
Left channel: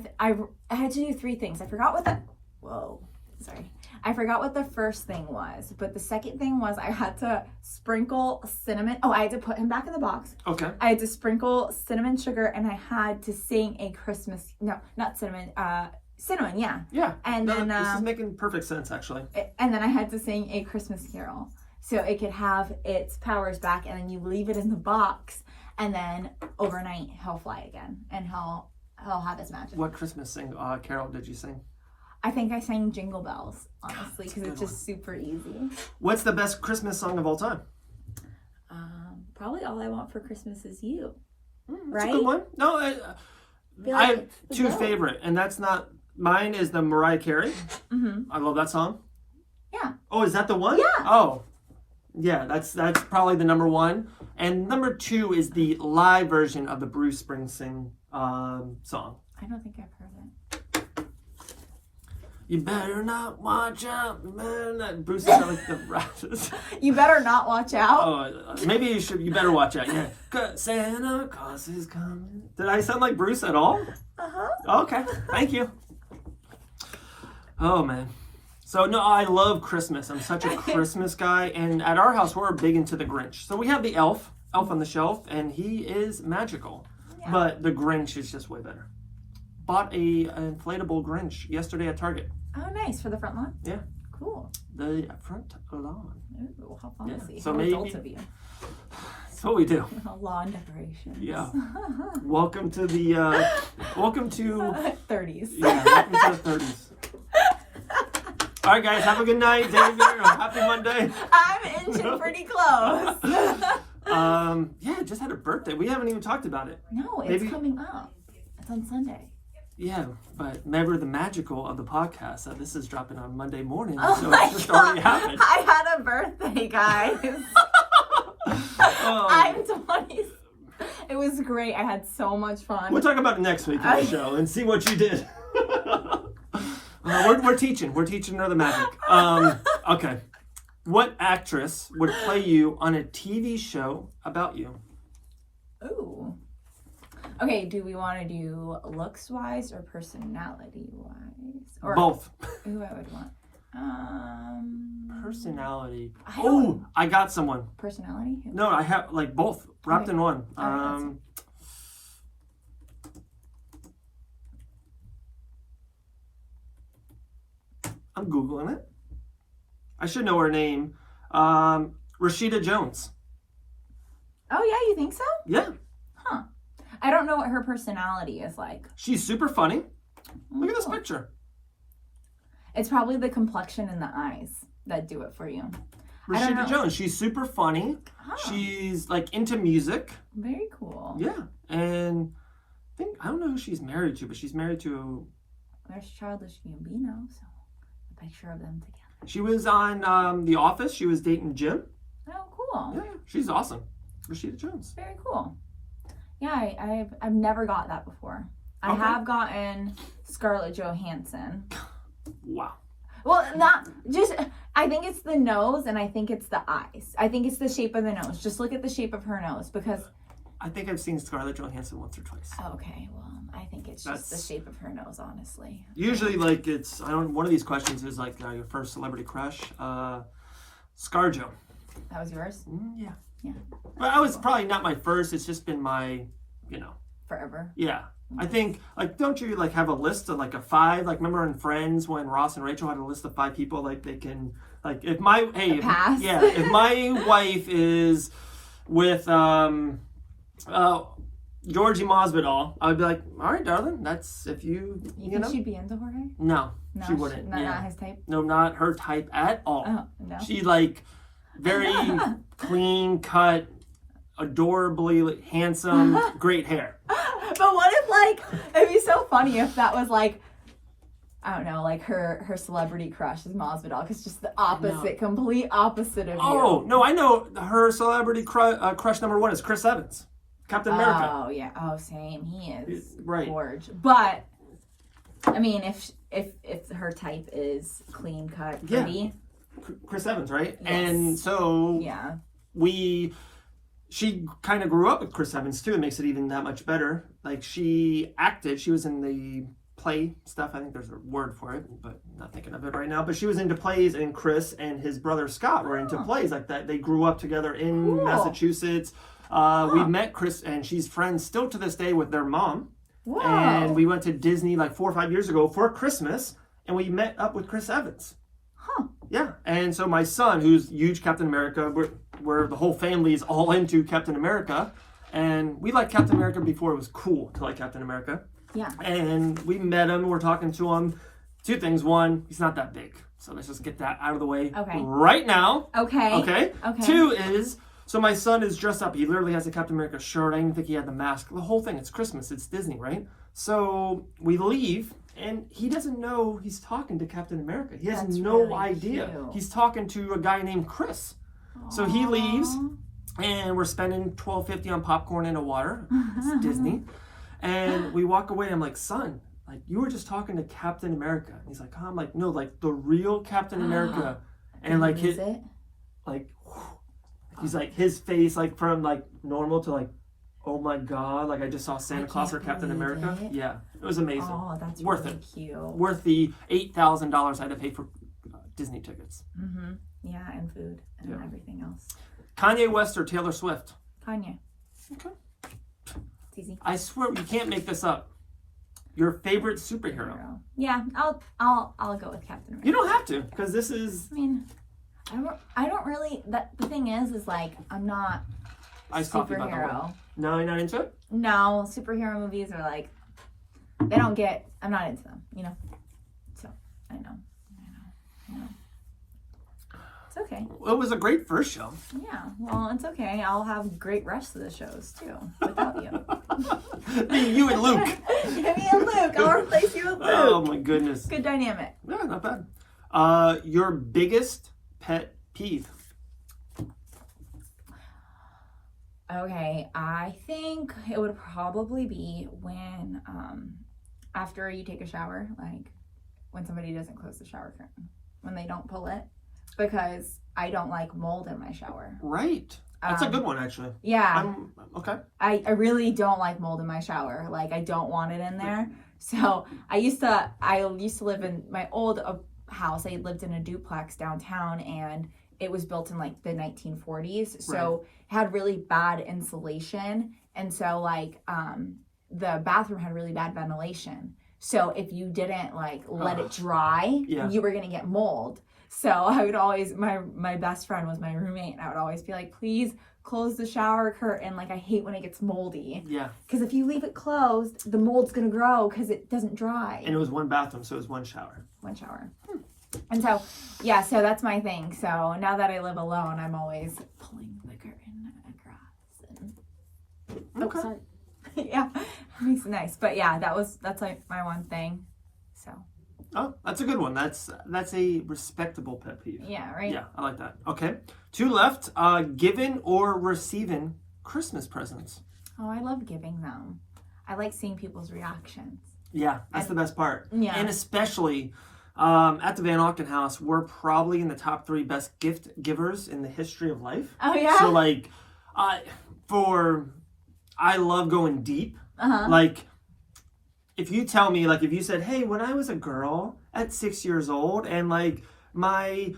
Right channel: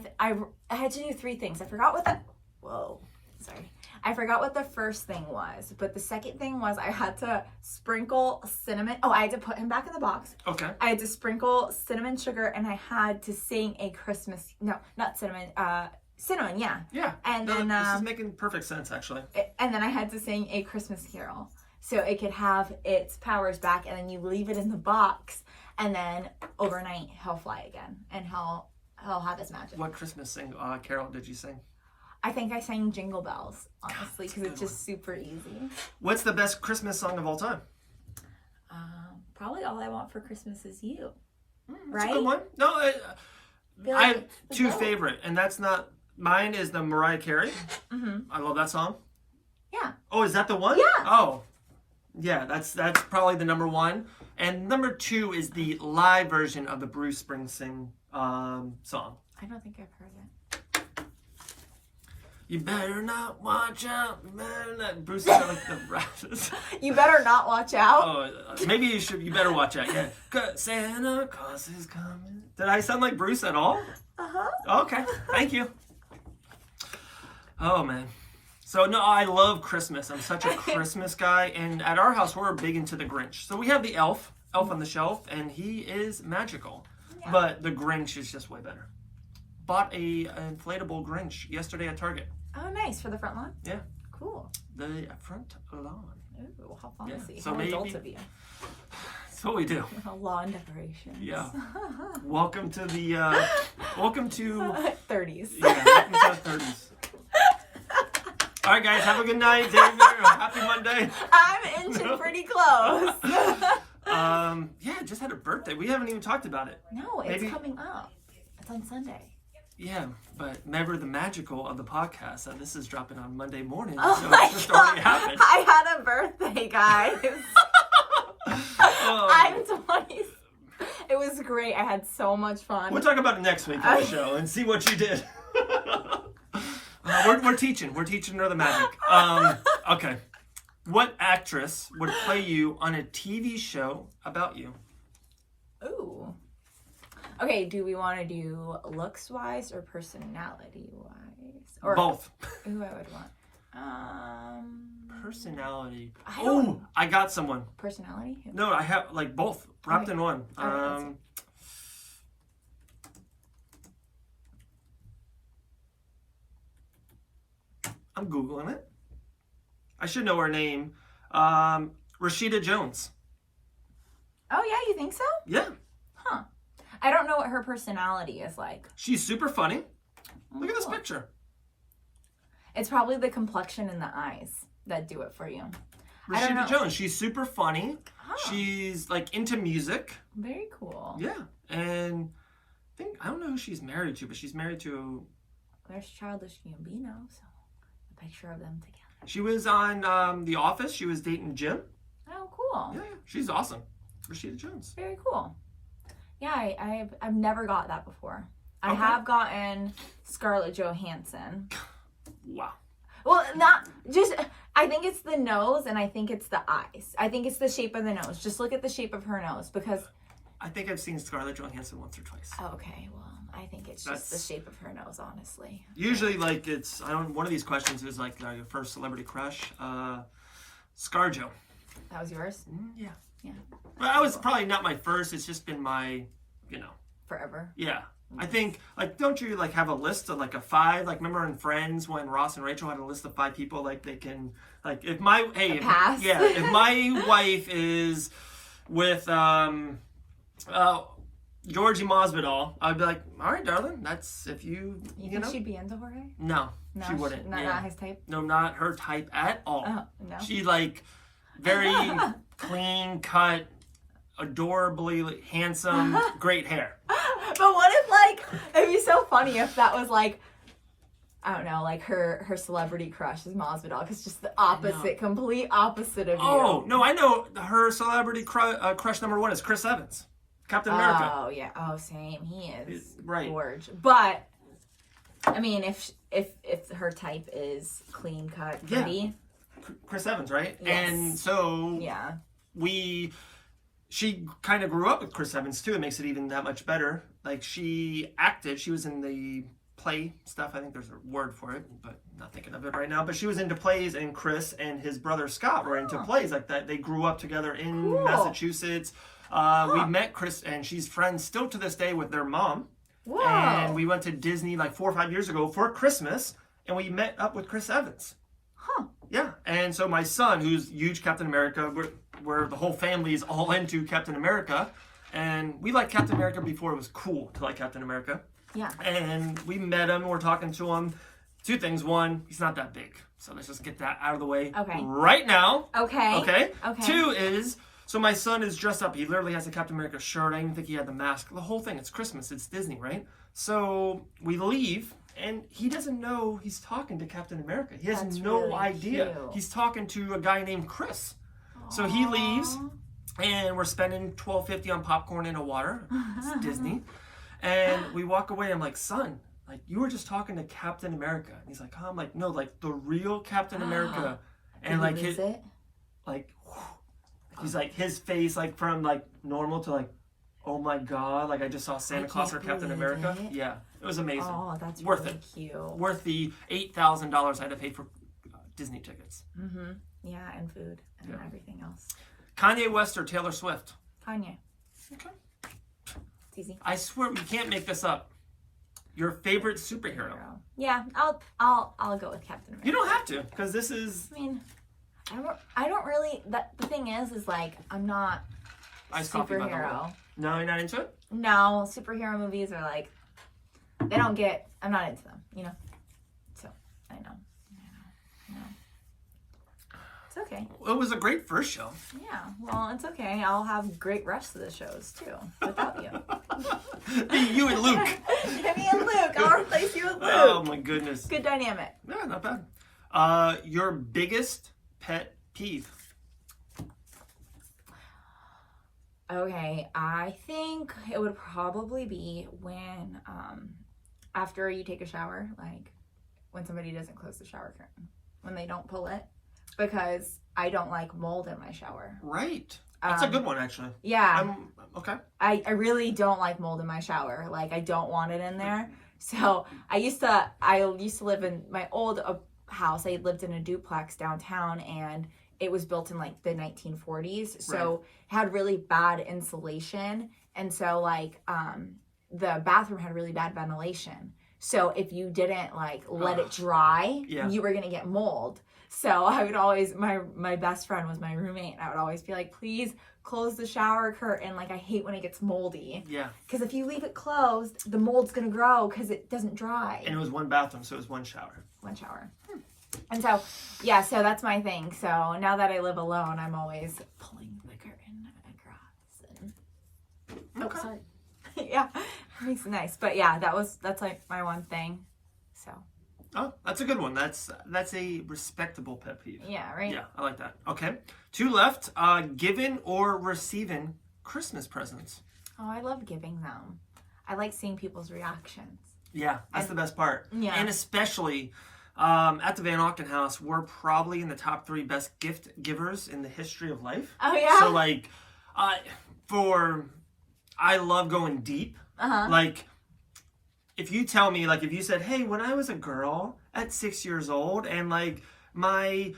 had to do 3 things. I forgot what I forgot what the first thing was, but the second thing was I had to sprinkle cinnamon. Oh, I had to put him back in the box. Okay. I had to sprinkle cinnamon sugar, and I had to sing a Christmas. No, not cinnamon. Cinnamon, yeah. Yeah. And No, then this is making perfect sense, actually. and then I had to sing a Christmas carol, so it could have its powers back, and then you leave it in the box, and then overnight he'll fly again, and he'll have his magic. What Christmas carol did you sing? I think I sang Jingle Bells, honestly, because it's good just super easy. What's the best Christmas song of all time? Probably All I Want for Christmas Is You. That's Right? a good one. No, I like have it's 2 good. favorite, and that's not mine. Is the Mariah Carey? Mm-hmm. I love that song. Yeah. Oh, is that the one? Yeah. Oh, yeah. That's probably the number 1, and number 2 is the live version of the Bruce Springsteen song. I don't think I've heard it. You better not watch out, man. Bruce is like the rappers. You better not watch out. Oh, maybe you should. You better watch out. Yeah. 'Cause Santa Claus is coming. Did I sound like Bruce at all? Uh-huh. Okay. Thank you. Oh man. So no, I love Christmas. I'm such a Christmas guy, and at our house we're big into the Grinch. So we have the Elf on the shelf, and he is magical. Yeah. But the Grinch is just way better. Bought an inflatable Grinch yesterday at Target. Oh, nice. For the front lawn? Yeah. Cool. The front lawn. Ooh, how fancy. Yeah, so How maybe- adult of you. That's what we do. Lawn decorations. Yeah. Welcome to the. Welcome to. 30s. Yeah. Welcome to the 30s. All right, guys. Have a good night, David. Happy Monday. I'm inching pretty close. Yeah. Just had a birthday. We haven't even talked about it. No, it's Maybe- coming up. It's on Sunday. Yeah, but remember the magical of the podcast that this is dropping on Monday morning, Oh so my it's just already God. happened. I had a birthday, guys. Oh. I'm 20. It was great. I had so much fun. We'll talk about it next week on the show and see what you did. We're teaching her the magic. Okay. What actress would play you on a TV show about you? Ooh. Okay, do we want to do looks-wise or personality-wise? Or Both. Who I would want. Personality. I don't- I got someone. Personality? Who? No, I have like both wrapped in one. Oh, I'm Googling it. I should know her name. Rashida Jones. Oh, yeah, you think so? Yeah. Huh. I don't know what her personality is like. She's super funny. Look at this Oh. picture. It's probably the complexion and the eyes that do it for you. I don't Rashida know. Jones. She's super funny. Huh. She's like into music. Very cool. Yeah. And I don't know who she's married to, but she's married to. There's Childish Gambino, so a picture of them together. She was on The Office. She was dating Jim. Oh, cool. Yeah, she's awesome. Rashida Jones. Very cool. Yeah, I've never got that before. I Okay. have gotten Scarlett Johansson. Wow. Well, not just. I think it's the nose, and I think it's the eyes. I think it's the shape of the nose. Just look at the shape of her nose, because. I think I've seen Scarlett Johansson once or twice. Okay, well, I think it's just the shape of her nose, honestly. Usually, like one of these questions is like your first celebrity crush. ScarJo. That was yours? Yeah. Yeah. But I was probably not my first. It's just been my, Forever. Yeah. I think, don't you, have a list of, a 5? Remember in Friends when Ross and Rachel had a list of 5 people, they can, if my, pass? if my wife is with, Georgie Masvidal, I would be like, all right, darling, that's, if you think she'd be into Jorge? No, No, she wouldn't. Not his type? No, not her type at all. Oh, no. She, very clean cut, adorably handsome, great hair. But what if, it'd be so funny if that was, I don't know, her celebrity crush is Masvidal, because just the opposite, complete opposite of you. Oh, no, I know her celebrity crush number 1 is Chris Evans, Captain America. Oh, yeah. Oh, same. He is Right. gorgeous. But, I mean, if her type is clean cut, Yeah. pretty, Chris Evans, right? Yes. And so Yeah. she kind of grew up with Chris Evans too. It makes it even that much better. Like she acted, she was in the play stuff. I think there's a word for it, but I'm not thinking of it right now. But she was into plays, and Chris and his brother Scott were into plays like that. They grew up together in Massachusetts. We met Chris, and she's friends still to this day with their mom. Whoa. And we went to Disney like 4 or 5 years ago for Christmas, and we met up with Chris Evans. Huh. Yeah, and so my son, who's huge Captain America, where the whole family is all into Captain America, and we liked Captain America before it was cool to like Captain America. Yeah. And we met him, we're talking to him. 2 things. 1, he's not that big. So let's just get that out of the way right now. Okay. 2 is, so my son is dressed up. He literally has a Captain America shirt. I didn't even think he had the mask. The whole thing. It's Christmas. It's Disney, right? So we leave, and he doesn't know he's talking to Captain America. He has no really idea. cute. He's talking to a guy named Chris. So he leaves, and we're spending $12.50 on popcorn and a water. It's Disney. And we walk away. I'm like, son, like you were just talking to Captain America. And he's like, oh. I'm like, no, like the real Captain America. And like his, like, he's like his face, like from like normal to like, oh my God, like I just saw Santa Claus or Captain America. Yeah, it was amazing. Oh, that's worth really it. cute. Worth the $8,000 I had to pay for Disney tickets. Mm-hmm. Yeah, and food and everything else. Kanye West or Taylor Swift? Kanye. Okay. It's easy. I swear you can't make this up. Your favorite superhero? Yeah, I'll go with Captain America. You don't have to, because this is. I mean, I don't really. The thing is like I'm not Iced coffee, by the way. superhero. No, you're not into it? No, superhero movies are like they don't get. I'm not into them, you know. So I know. It's okay. Well, it was a great first show. Yeah. Well, it's okay. I'll have great rest of the shows too without you. You and Luke. Give me a Luke. I'll replace you with Luke. Oh my goodness. Good dynamic. Yeah, not bad. Your biggest pet peeve? Okay, I think it would probably be when after you take a shower, like when somebody doesn't close the shower curtain, when they don't pull it, because I don't like mold in my shower. Right. That's a good one, actually. Yeah. Okay. I really don't like mold in my shower. Like I don't want it in there. So I used to live in my old house. I lived in a duplex downtown, and it was built in like the 1940s. So it had really bad insulation. And so like the bathroom had really bad ventilation. So if you didn't like let it dry, you were gonna get mold. So I would always, my best friend was my roommate, and I would always be like, please close the shower curtain. Like I hate when it gets moldy. Yeah. Because if you leave it closed, the mold's gonna grow because it doesn't dry. And it was one bathroom, so it was one shower. One shower. And so, yeah, so that's my thing. So now that I live alone, I'm always pulling the curtain across. And... Okay. Oh, sorry. Yeah, it's nice. But yeah, that's like my one thing. So. Oh, that's a good one. That's a respectable pet peeve. Yeah, right? Yeah, I like that. Okay. 2 left. Giving or receiving Christmas presents? Oh, I love giving them. I like seeing people's reactions. Yeah, that's the best part. Yeah. And especially at the Van Auken house, we're probably in the top 3 best gift givers in the history of life. Oh, yeah? So, like, I love going deep. Uh-huh. Like, if you tell me, like, if you said, hey, when I was a girl at 6 years old, and, like, my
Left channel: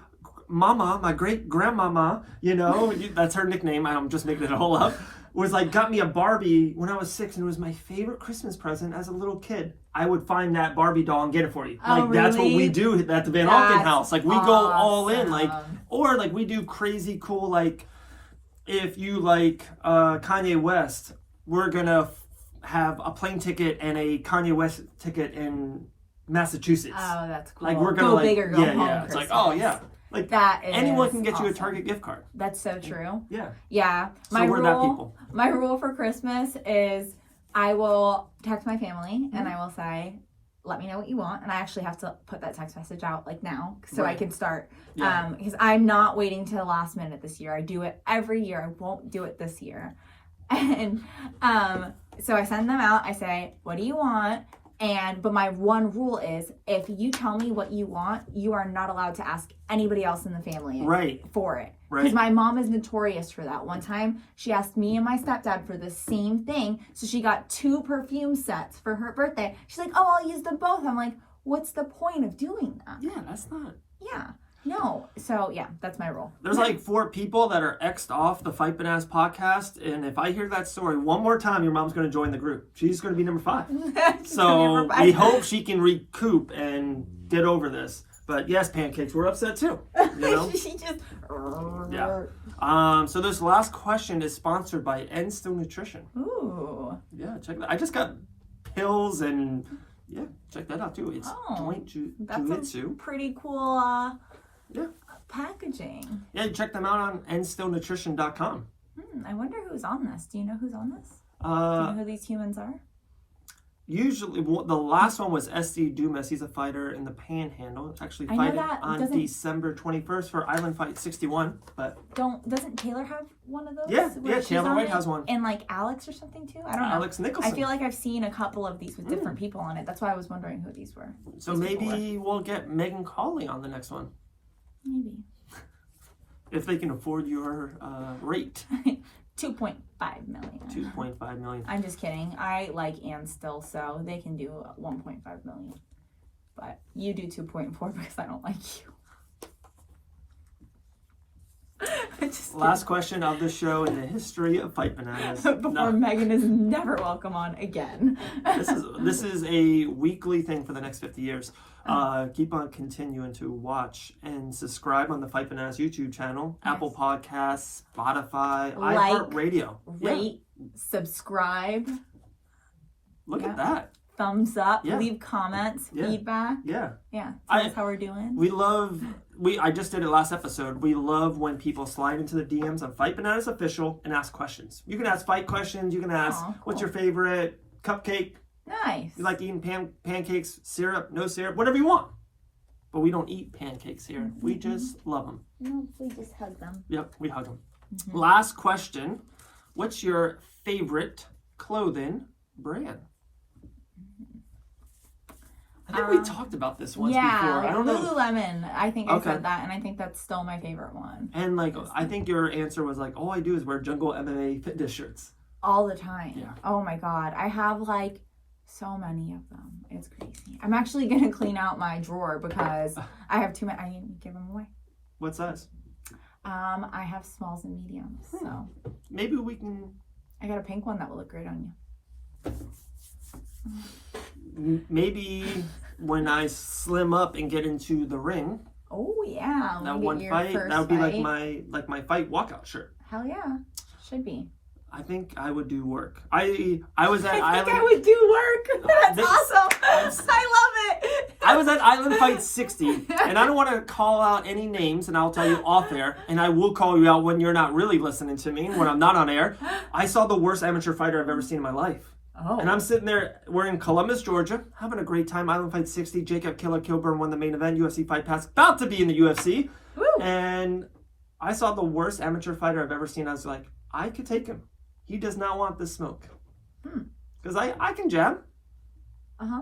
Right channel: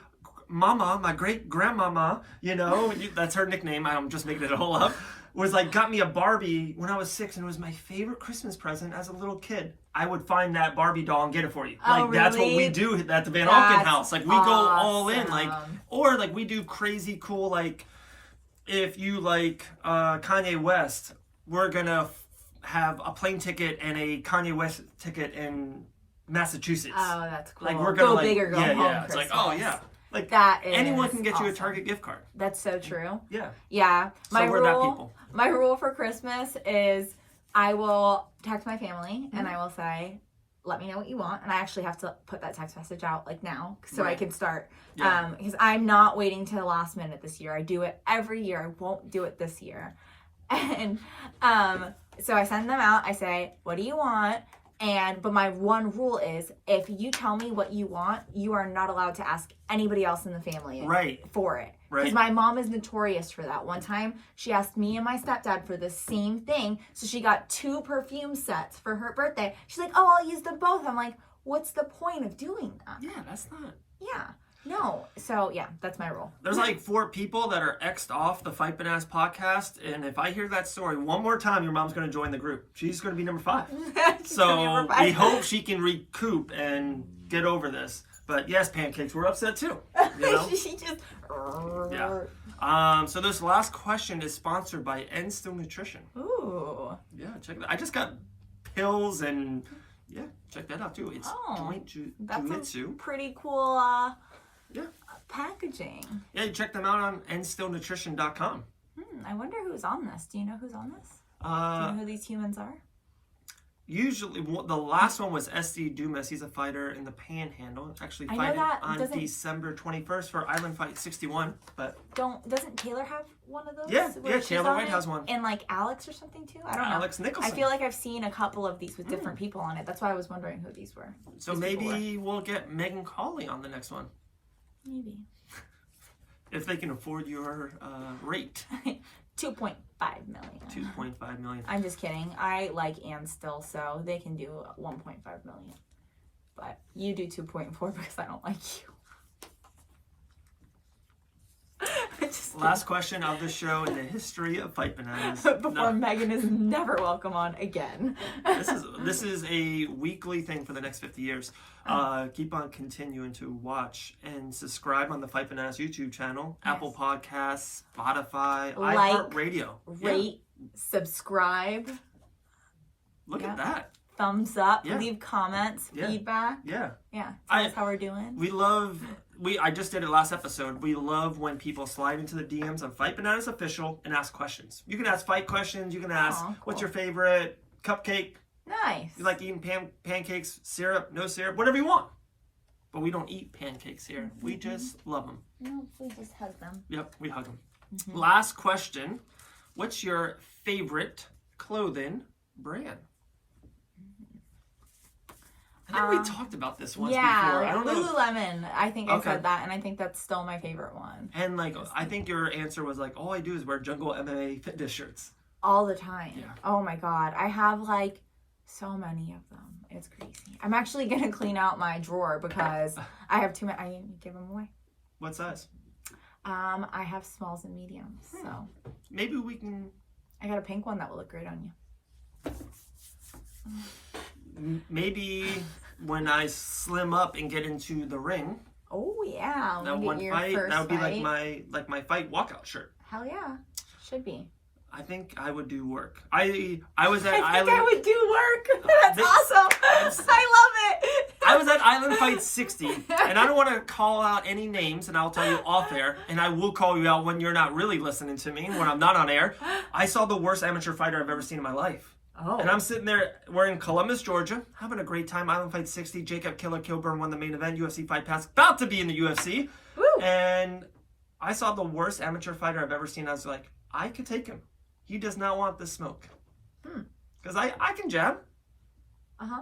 mama, my great-grandmama, you know, that's her nickname, I'm just making it all up, was, like, got me a Barbie when I was 6, and it was my favorite Christmas present as a little kid. I would find that Barbie doll and get it for you. Like, really? That's what we do at the Van Auken house. Like, we go all in, like, or, like, we do crazy cool, like, if you like Kanye West, we're gonna have a plane ticket and a Kanye West ticket in Massachusetts. Oh, that's cool. Like we're gonna go big or go home. Yeah. It's like, oh yeah, like that is anyone can get awesome. you a Target gift card. That's so true. Yeah. Yeah. So we're that people. My rule for Christmas is I will text my family and I will say, let me know what you want, and I actually have to put that text message out like now so I can start. Yeah. Because I'm not waiting till the last minute this year. I do it every year. I won't do it this year. And so I send them out. I say, what do you want? But my one rule is, if you tell me what you want, you are not allowed to ask anybody else in the family for it. Because Right. my mom is notorious for that. One time, she asked me and my stepdad for the same thing. So she got 2 perfume sets for her birthday. She's like, oh, I'll use them both. I'm like, what's the point of doing that? Yeah, that's not. Yeah. No. So, yeah, that's my rule. There's like 4 people that are X'd off the Fight Bananas podcast, and if I hear that story one more time, your mom's going to join the group. She's going to be number 5. So we hope she can recoup and get over this. But yes, Pancakes, we're upset too. You know? She just... Yeah. So this last question is sponsored by End Still Nutrition. Ooh. Yeah, check that. I just got pills and yeah, check that out too. It's Joint That's Jujitsu. pretty cool Yeah. packaging. Yeah, you check them out on endstillnutrition.com. I wonder who's on this. Do you know who's on this? Do you know who these humans are? Usually, the last one was SC Dumas. He's a fighter in the Panhandle. Actually, I know fighting that. on Doesn't- December 21st for Island Fight 61. But Doesn't Taylor have one of those? yeah, where yeah, she's Taylor on White it? has one. And like Alex or something too? I don't know. Alex Nicholson. I feel like I've seen a couple of these with different people on it. That's why I was wondering who these were. So these people maybe we'll get Megan Cawley on the next one. Maybe. If they can afford your rate. 2.5 million. 2.5 million. I'm just kidding. I like Ann still, so they can do 1.5 million. But you do 2.4 because I don't like you. Last question of the show in the history of Fight Bananas. Before Megan is never welcome on again. This is a weekly thing for the next 50 years. Keep on continuing to watch and subscribe on the Fight Bananas YouTube channel, Yes. Apple Podcasts, Spotify, Like, iHeartRadio. Rate, subscribe, Look at that. thumbs up, Yeah. leave comments, feedback. Yeah. Yeah, tell us how we're doing. We love, I just did it last episode. We love when people slide into the DMs on Fight Bananas Official and ask questions. You can ask fight questions. You can ask, what's your favorite cupcake? Nice. You like eating pancakes, syrup, no syrup, whatever you want. But we don't eat pancakes here. Mm-hmm. We just love them. No, we just hug them. Yep, we hug them. Mm-hmm. Last question. What's your favorite clothing brand? I think we talked about this once before. I don't know. Lululemon. I think I said that, and I think that's still my favorite one. And like, I think your answer was like, all I do is wear Jungle MMA fitness shirts. All the time. Yeah. Oh my God. I have like so many of them. It's crazy. I'm actually going to clean out my drawer because I have too many. I need to give them away. What size? I have smalls and mediums. So Maybe we can. I got a pink one that will look great on you. Maybe when I slim up and get into the ring, Oh yeah. that one fight, that would be like my fight walkout shirt. Hell yeah. Should be. I think I would do work. I was at I Island. think I would do work. That's awesome. I love it. I was at Island Fight 60, and I don't want to call out any names, and I'll tell you off air, and I will call you out when you're not really listening to me, when I'm not on air. I saw the worst amateur fighter I've ever seen in my life. Oh. And I'm sitting there, we're in Columbus, Georgia, having a great time. Island Fight 60, Jacob Killer Kilburn won the main event, UFC Fight Pass, about to be in the UFC. Woo. And I saw the worst amateur fighter I've ever seen. I was like, I could take him. He does not want this smoke. Because I can jab. Uh-huh.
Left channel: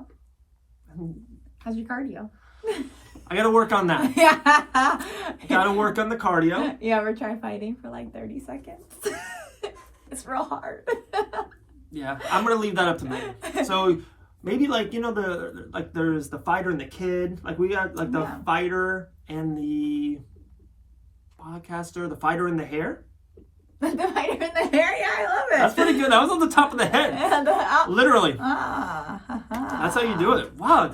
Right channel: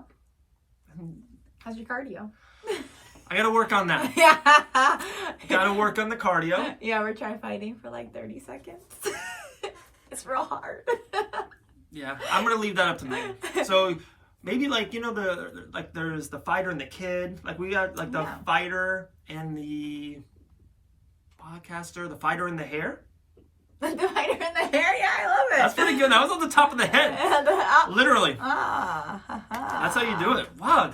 How's your cardio? I got to work on that. Got to work on the cardio. You ever try fighting for like 30 seconds? It's real hard. Yeah, I'm gonna leave that up to Megan. So maybe like there's the fighter and the kid. Like we got like the fighter and the podcaster, the fighter and the hair. The fighter in the hair, yeah, I love it. That's pretty good. That was on the top of the head. Literally. That's how you do it. Wow.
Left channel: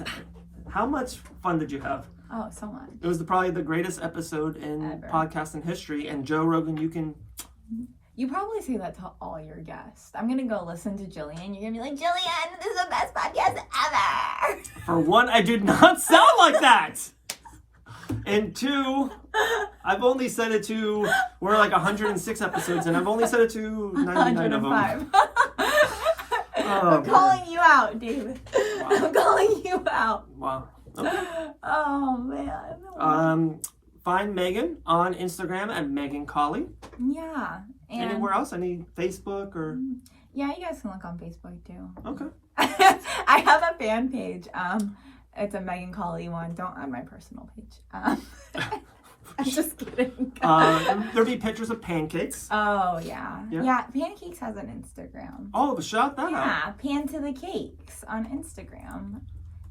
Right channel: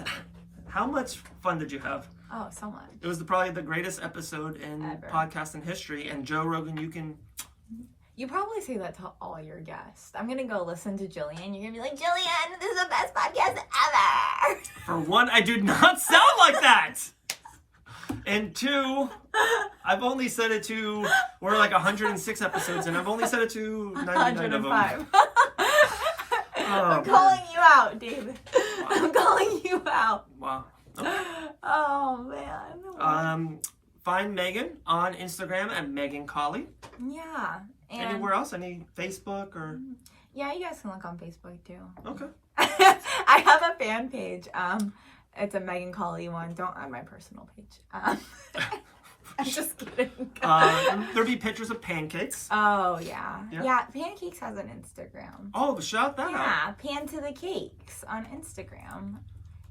How much fun did you have? Oh, so much. It was probably the greatest episode in podcasting history. And Joe Rogan, You probably say that to all your guests. I'm going to go listen to Jillian. You're going to be like, Jillian, this is the best podcast ever. For one, I do not sound like that. And two, I've only said it to, we're like 106 episodes, and I've only said it to 99 of them. I'm calling you out, David. Wow. I'm calling you out. Wow. Okay. Oh, man. Find Megan on Instagram at Megan Cawley. Yeah. And anywhere else? Any Facebook or? Yeah, you guys can look on Facebook too. Okay. I have a fan page. It's a Megan Cawley one. Don't add my personal page. I'm just kidding. There'll be pictures of pancakes. Oh yeah. Yeah. Yeah. Pancakes has an Instagram. Oh, shout that out. Yeah, Pan to the Cakes on Instagram.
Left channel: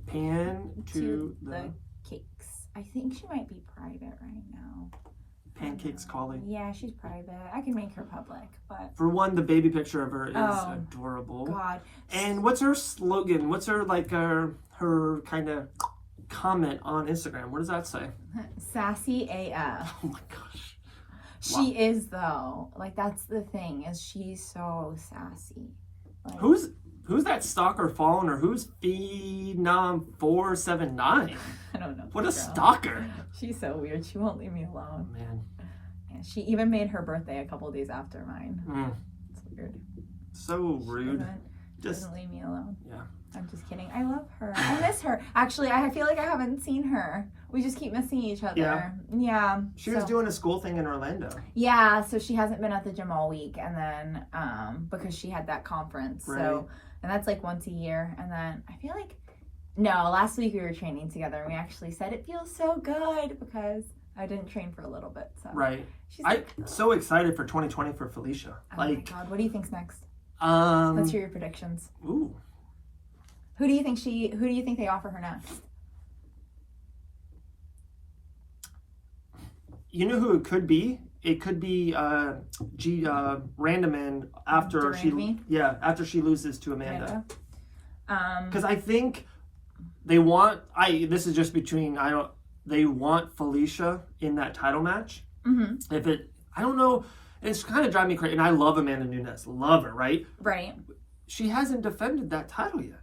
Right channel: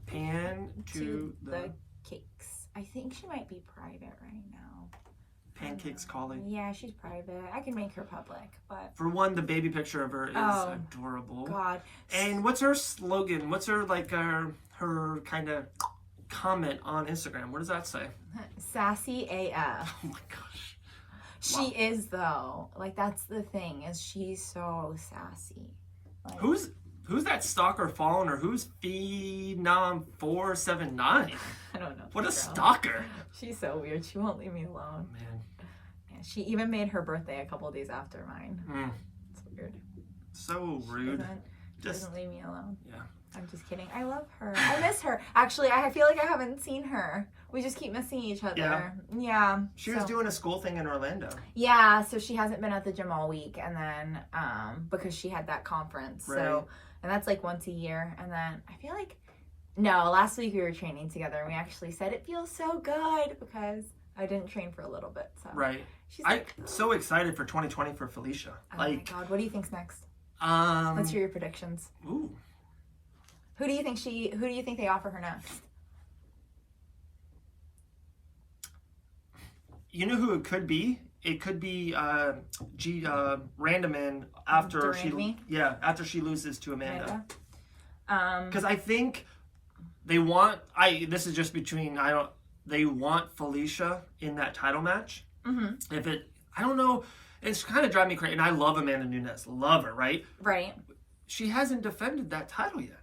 Pan to the Cakes. I think she might be private right now. Pancakes Cawley. Yeah, she's private. I can make her public, but For one, the baby picture of her is Oh, adorable. God. And what's her slogan? What's her her kind of comment on Instagram? What does that say? Sassy AF. Oh my gosh. She is though. Like that's the thing is she's so sassy. Like, Who's that stalker following her? Who's Phenom 479? I don't know. What a girl. stalker! She's so weird. She won't leave me alone. Oh, man, Yeah, she even made her birthday a couple days after mine. It's weird. so rude. Doesn't leave me alone. Yeah. I'm just kidding. I love her. I miss her. Actually, I feel like I haven't seen her. We just keep missing each other. Yeah. She was doing a school thing in Orlando. Yeah, so she hasn't been at the gym all week, and then because she had that conference. Right. So, and that's like once a year. And then I feel like last week we were training together, and we actually said it feels so good because I didn't train for a little bit. So Right. she's I'm so excited for 2020 for Felicia. oh my God, what do you think's next? um, Let's hear your predictions. ooh, Who do you think they offer her next? you know who it could be? It could be Randaman after after she loses to Amanda. Because I think they want this is just between they want Felicia in that title match. Mm-hmm. I don't know, it's kind of driving me crazy. And I love Amanda Nunes, love her, right? Right. She hasn't defended that title yet.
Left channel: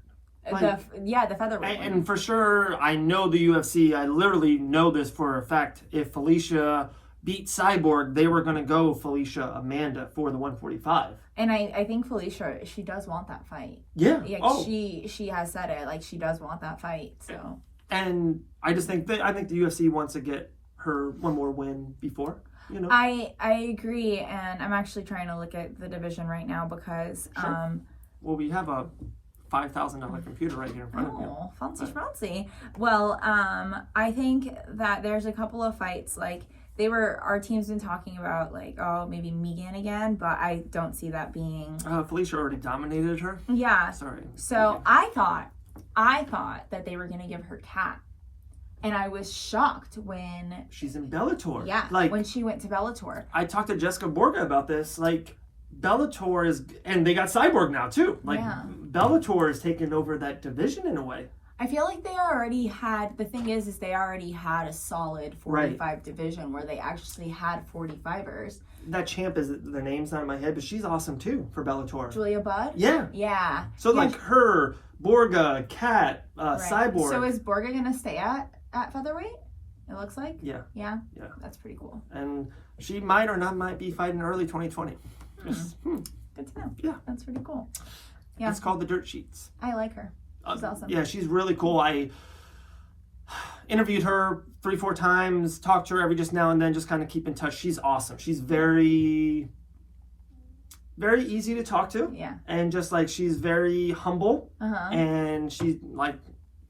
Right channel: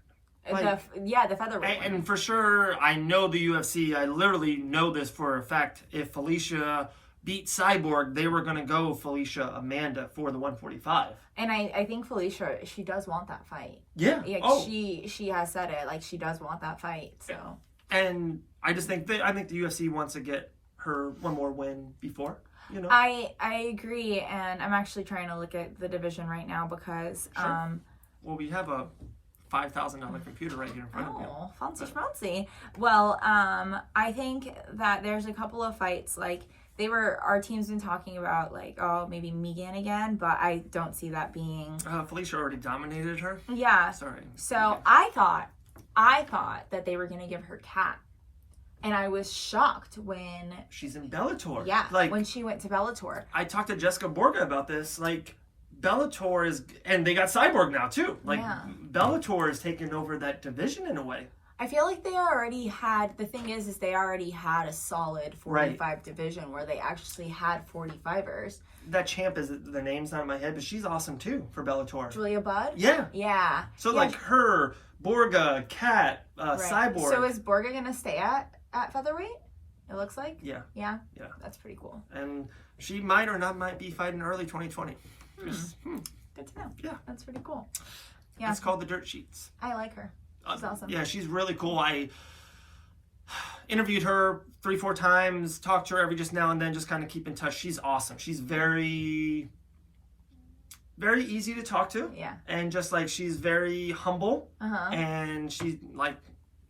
The featherweight. And for sure, I know the UFC. I literally know this for a fact. If Felicia beat Cyborg, they were going to go Felicia Amanda for the 145. And I think Felicia, she does want that fight. Yeah. She has said it. Like she does want that fight. So. And I just think the UFC wants to get her one more win before. You know. I agree, and I'm actually trying to look at the division right now because Sure. Well, we have a $5,000 computer right here in front of you. Oh, fancy. Well, I think that there's a couple of fights like our team's been talking about like maybe Megan again, but I don't see that being. Felicia already dominated her. Yeah. Sorry. So Megan. I thought that they were gonna give her Kat. And I was shocked when she's in Bellator. Yeah, like when she went to Bellator. I talked to Jessica Borga about this. Like Bellator is, and they got Cyborg now too. Like Bellator is taking over that division in a way. I feel like they already had. The thing is they already had a solid 45 division where they actually had 45ers. That champ is the name's not in my head, but she's awesome too for Bellator. Julia Budd. Yeah. Yeah. So like her, Borga, Kat, Cyborg. So is Borga gonna stay at featherweight? It looks like. Yeah. Yeah. Yeah. That's pretty cool. And she might or not be fighting early 2020. Good to know. Yeah. That's pretty cool. Yeah. It's called the Dirt Sheets. I like her. She's awesome. Yeah, she's really cool. I interviewed her 3-4 times, talked to her every just now and then, just kind of keep in touch. She's awesome. She's very, very easy to talk to. Yeah. And just like she's very humble. Uh-huh. And she's like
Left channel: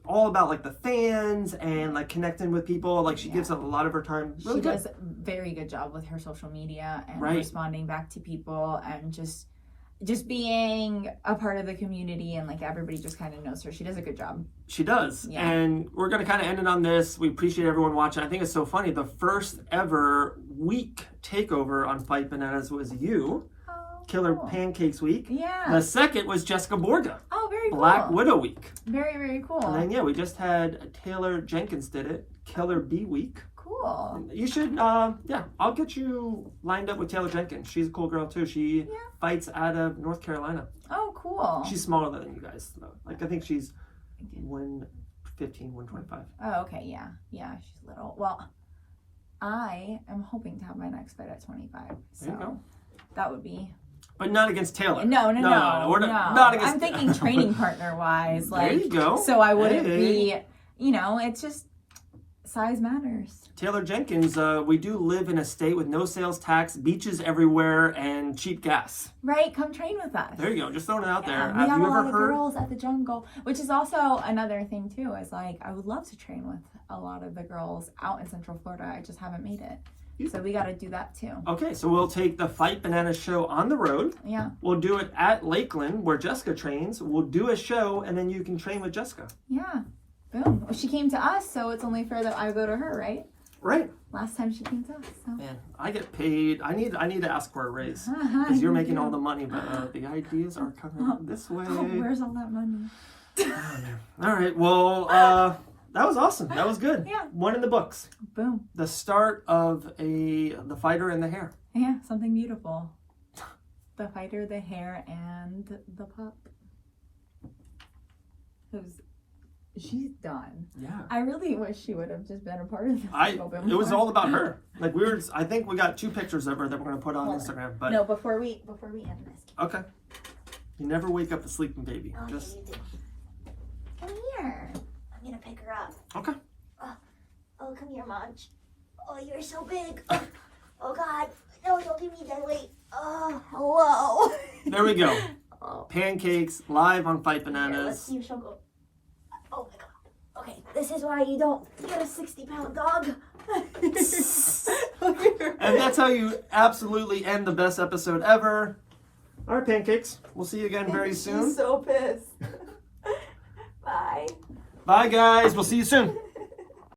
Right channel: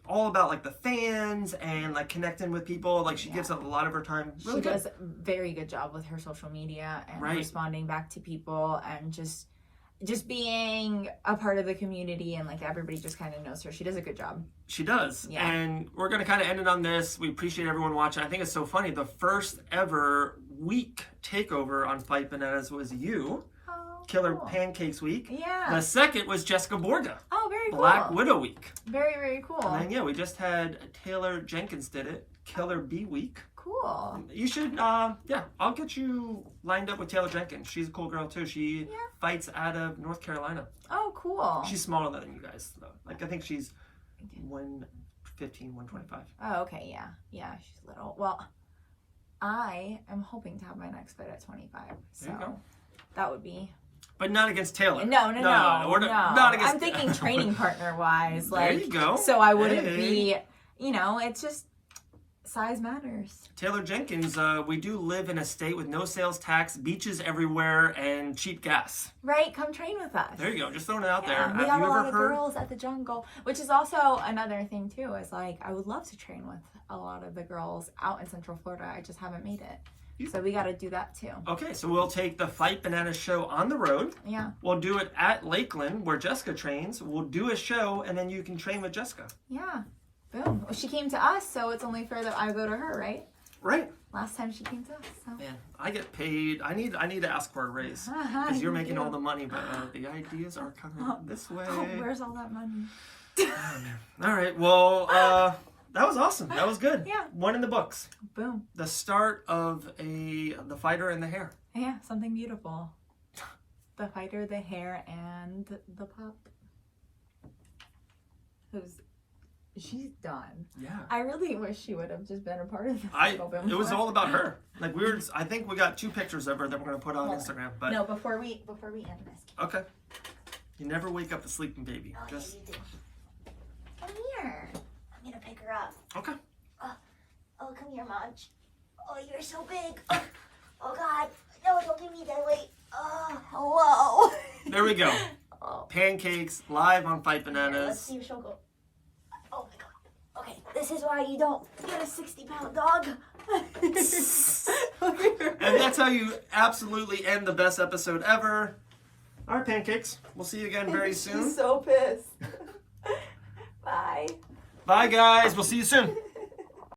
all about like the fans and like connecting with people. Like she gives a lot of her time. Really she does a very good job with her social media and responding back to people and just being a part of the community, and like everybody just kind of knows her. She does a good job. She does. Yeah. And we're going to kind of end it on this. We appreciate everyone watching. I think it's so funny. The first ever week takeover on Fight Bananas was you. Killer Pancakes Week. Yeah. The second was Jessica Borga. Oh, very cool. Black Widow Week. Very, very cool. And then, we just had Taylor Jenkins did it. Killer B Week. Cool. You should, I'll get you lined up with Taylor Jenkins. She's a cool girl, too. She fights out of North Carolina. Oh, cool. She's smaller than you guys, though. Like, I think she's 115, 125. Oh, okay, yeah. Yeah, she's little. Well, I am hoping to have my next fight at 25. So there you go. That would be... But not against Taylor. No. We're not against. I'm thinking training partner wise. Like, there you go. So I wouldn't be, it's just size matters. Taylor Jenkins, we do live in a state with no sales tax, beaches everywhere, and cheap gas. Right, come train with us. There you go, just throwing it out there. Yeah, we Have have you a ever lot of heard? girls at the jungle, which is also another thing too. Is like I would love to train with a lot of the girls out in Central Florida. I just haven't made it, so we got to do that too. Okay, so we'll take the Fight Banana show on the road. Yeah. We'll do it at Lakeland where Jessica trains. We'll do a show, and then you can train with Jessica. Yeah. Boom. Well, she came to us, so it's only fair that I go to her, right? Right. Last time she came to us. So. Man, I get paid. I need to ask for a raise because you're making all the money, but the ideas are coming this way. Oh, where's all that money? Oh, man. All right. Well, that was awesome. That was good. Yeah. One in the books. Boom. The start of the fighter and the hair. Yeah, something beautiful. The fighter, the hair, and the pup. She's done. Yeah. I really wish she would have just been a part of the It was all about her. Like I think we got 2 pictures of her that we're gonna put on Instagram. But no, before we end this. okay. You never wake up a sleeping baby. Oh, Just yeah, you do. Come here. I'm gonna pick her up. okay. Oh, come here, Munch. Oh, you're so big. Oh, God. No, don't give me that weight. Oh, Whoa. There we go. oh. Pancakes live on Fight Here, Bananas. let's see if she'll go. Oh, my God. Okay, this is why you don't get a 60-pound dog. And that's how you absolutely end the best episode ever. All right, Pancakes. We'll see you again very soon. She's so pissed. Bye. Bye, guys. We'll see you soon.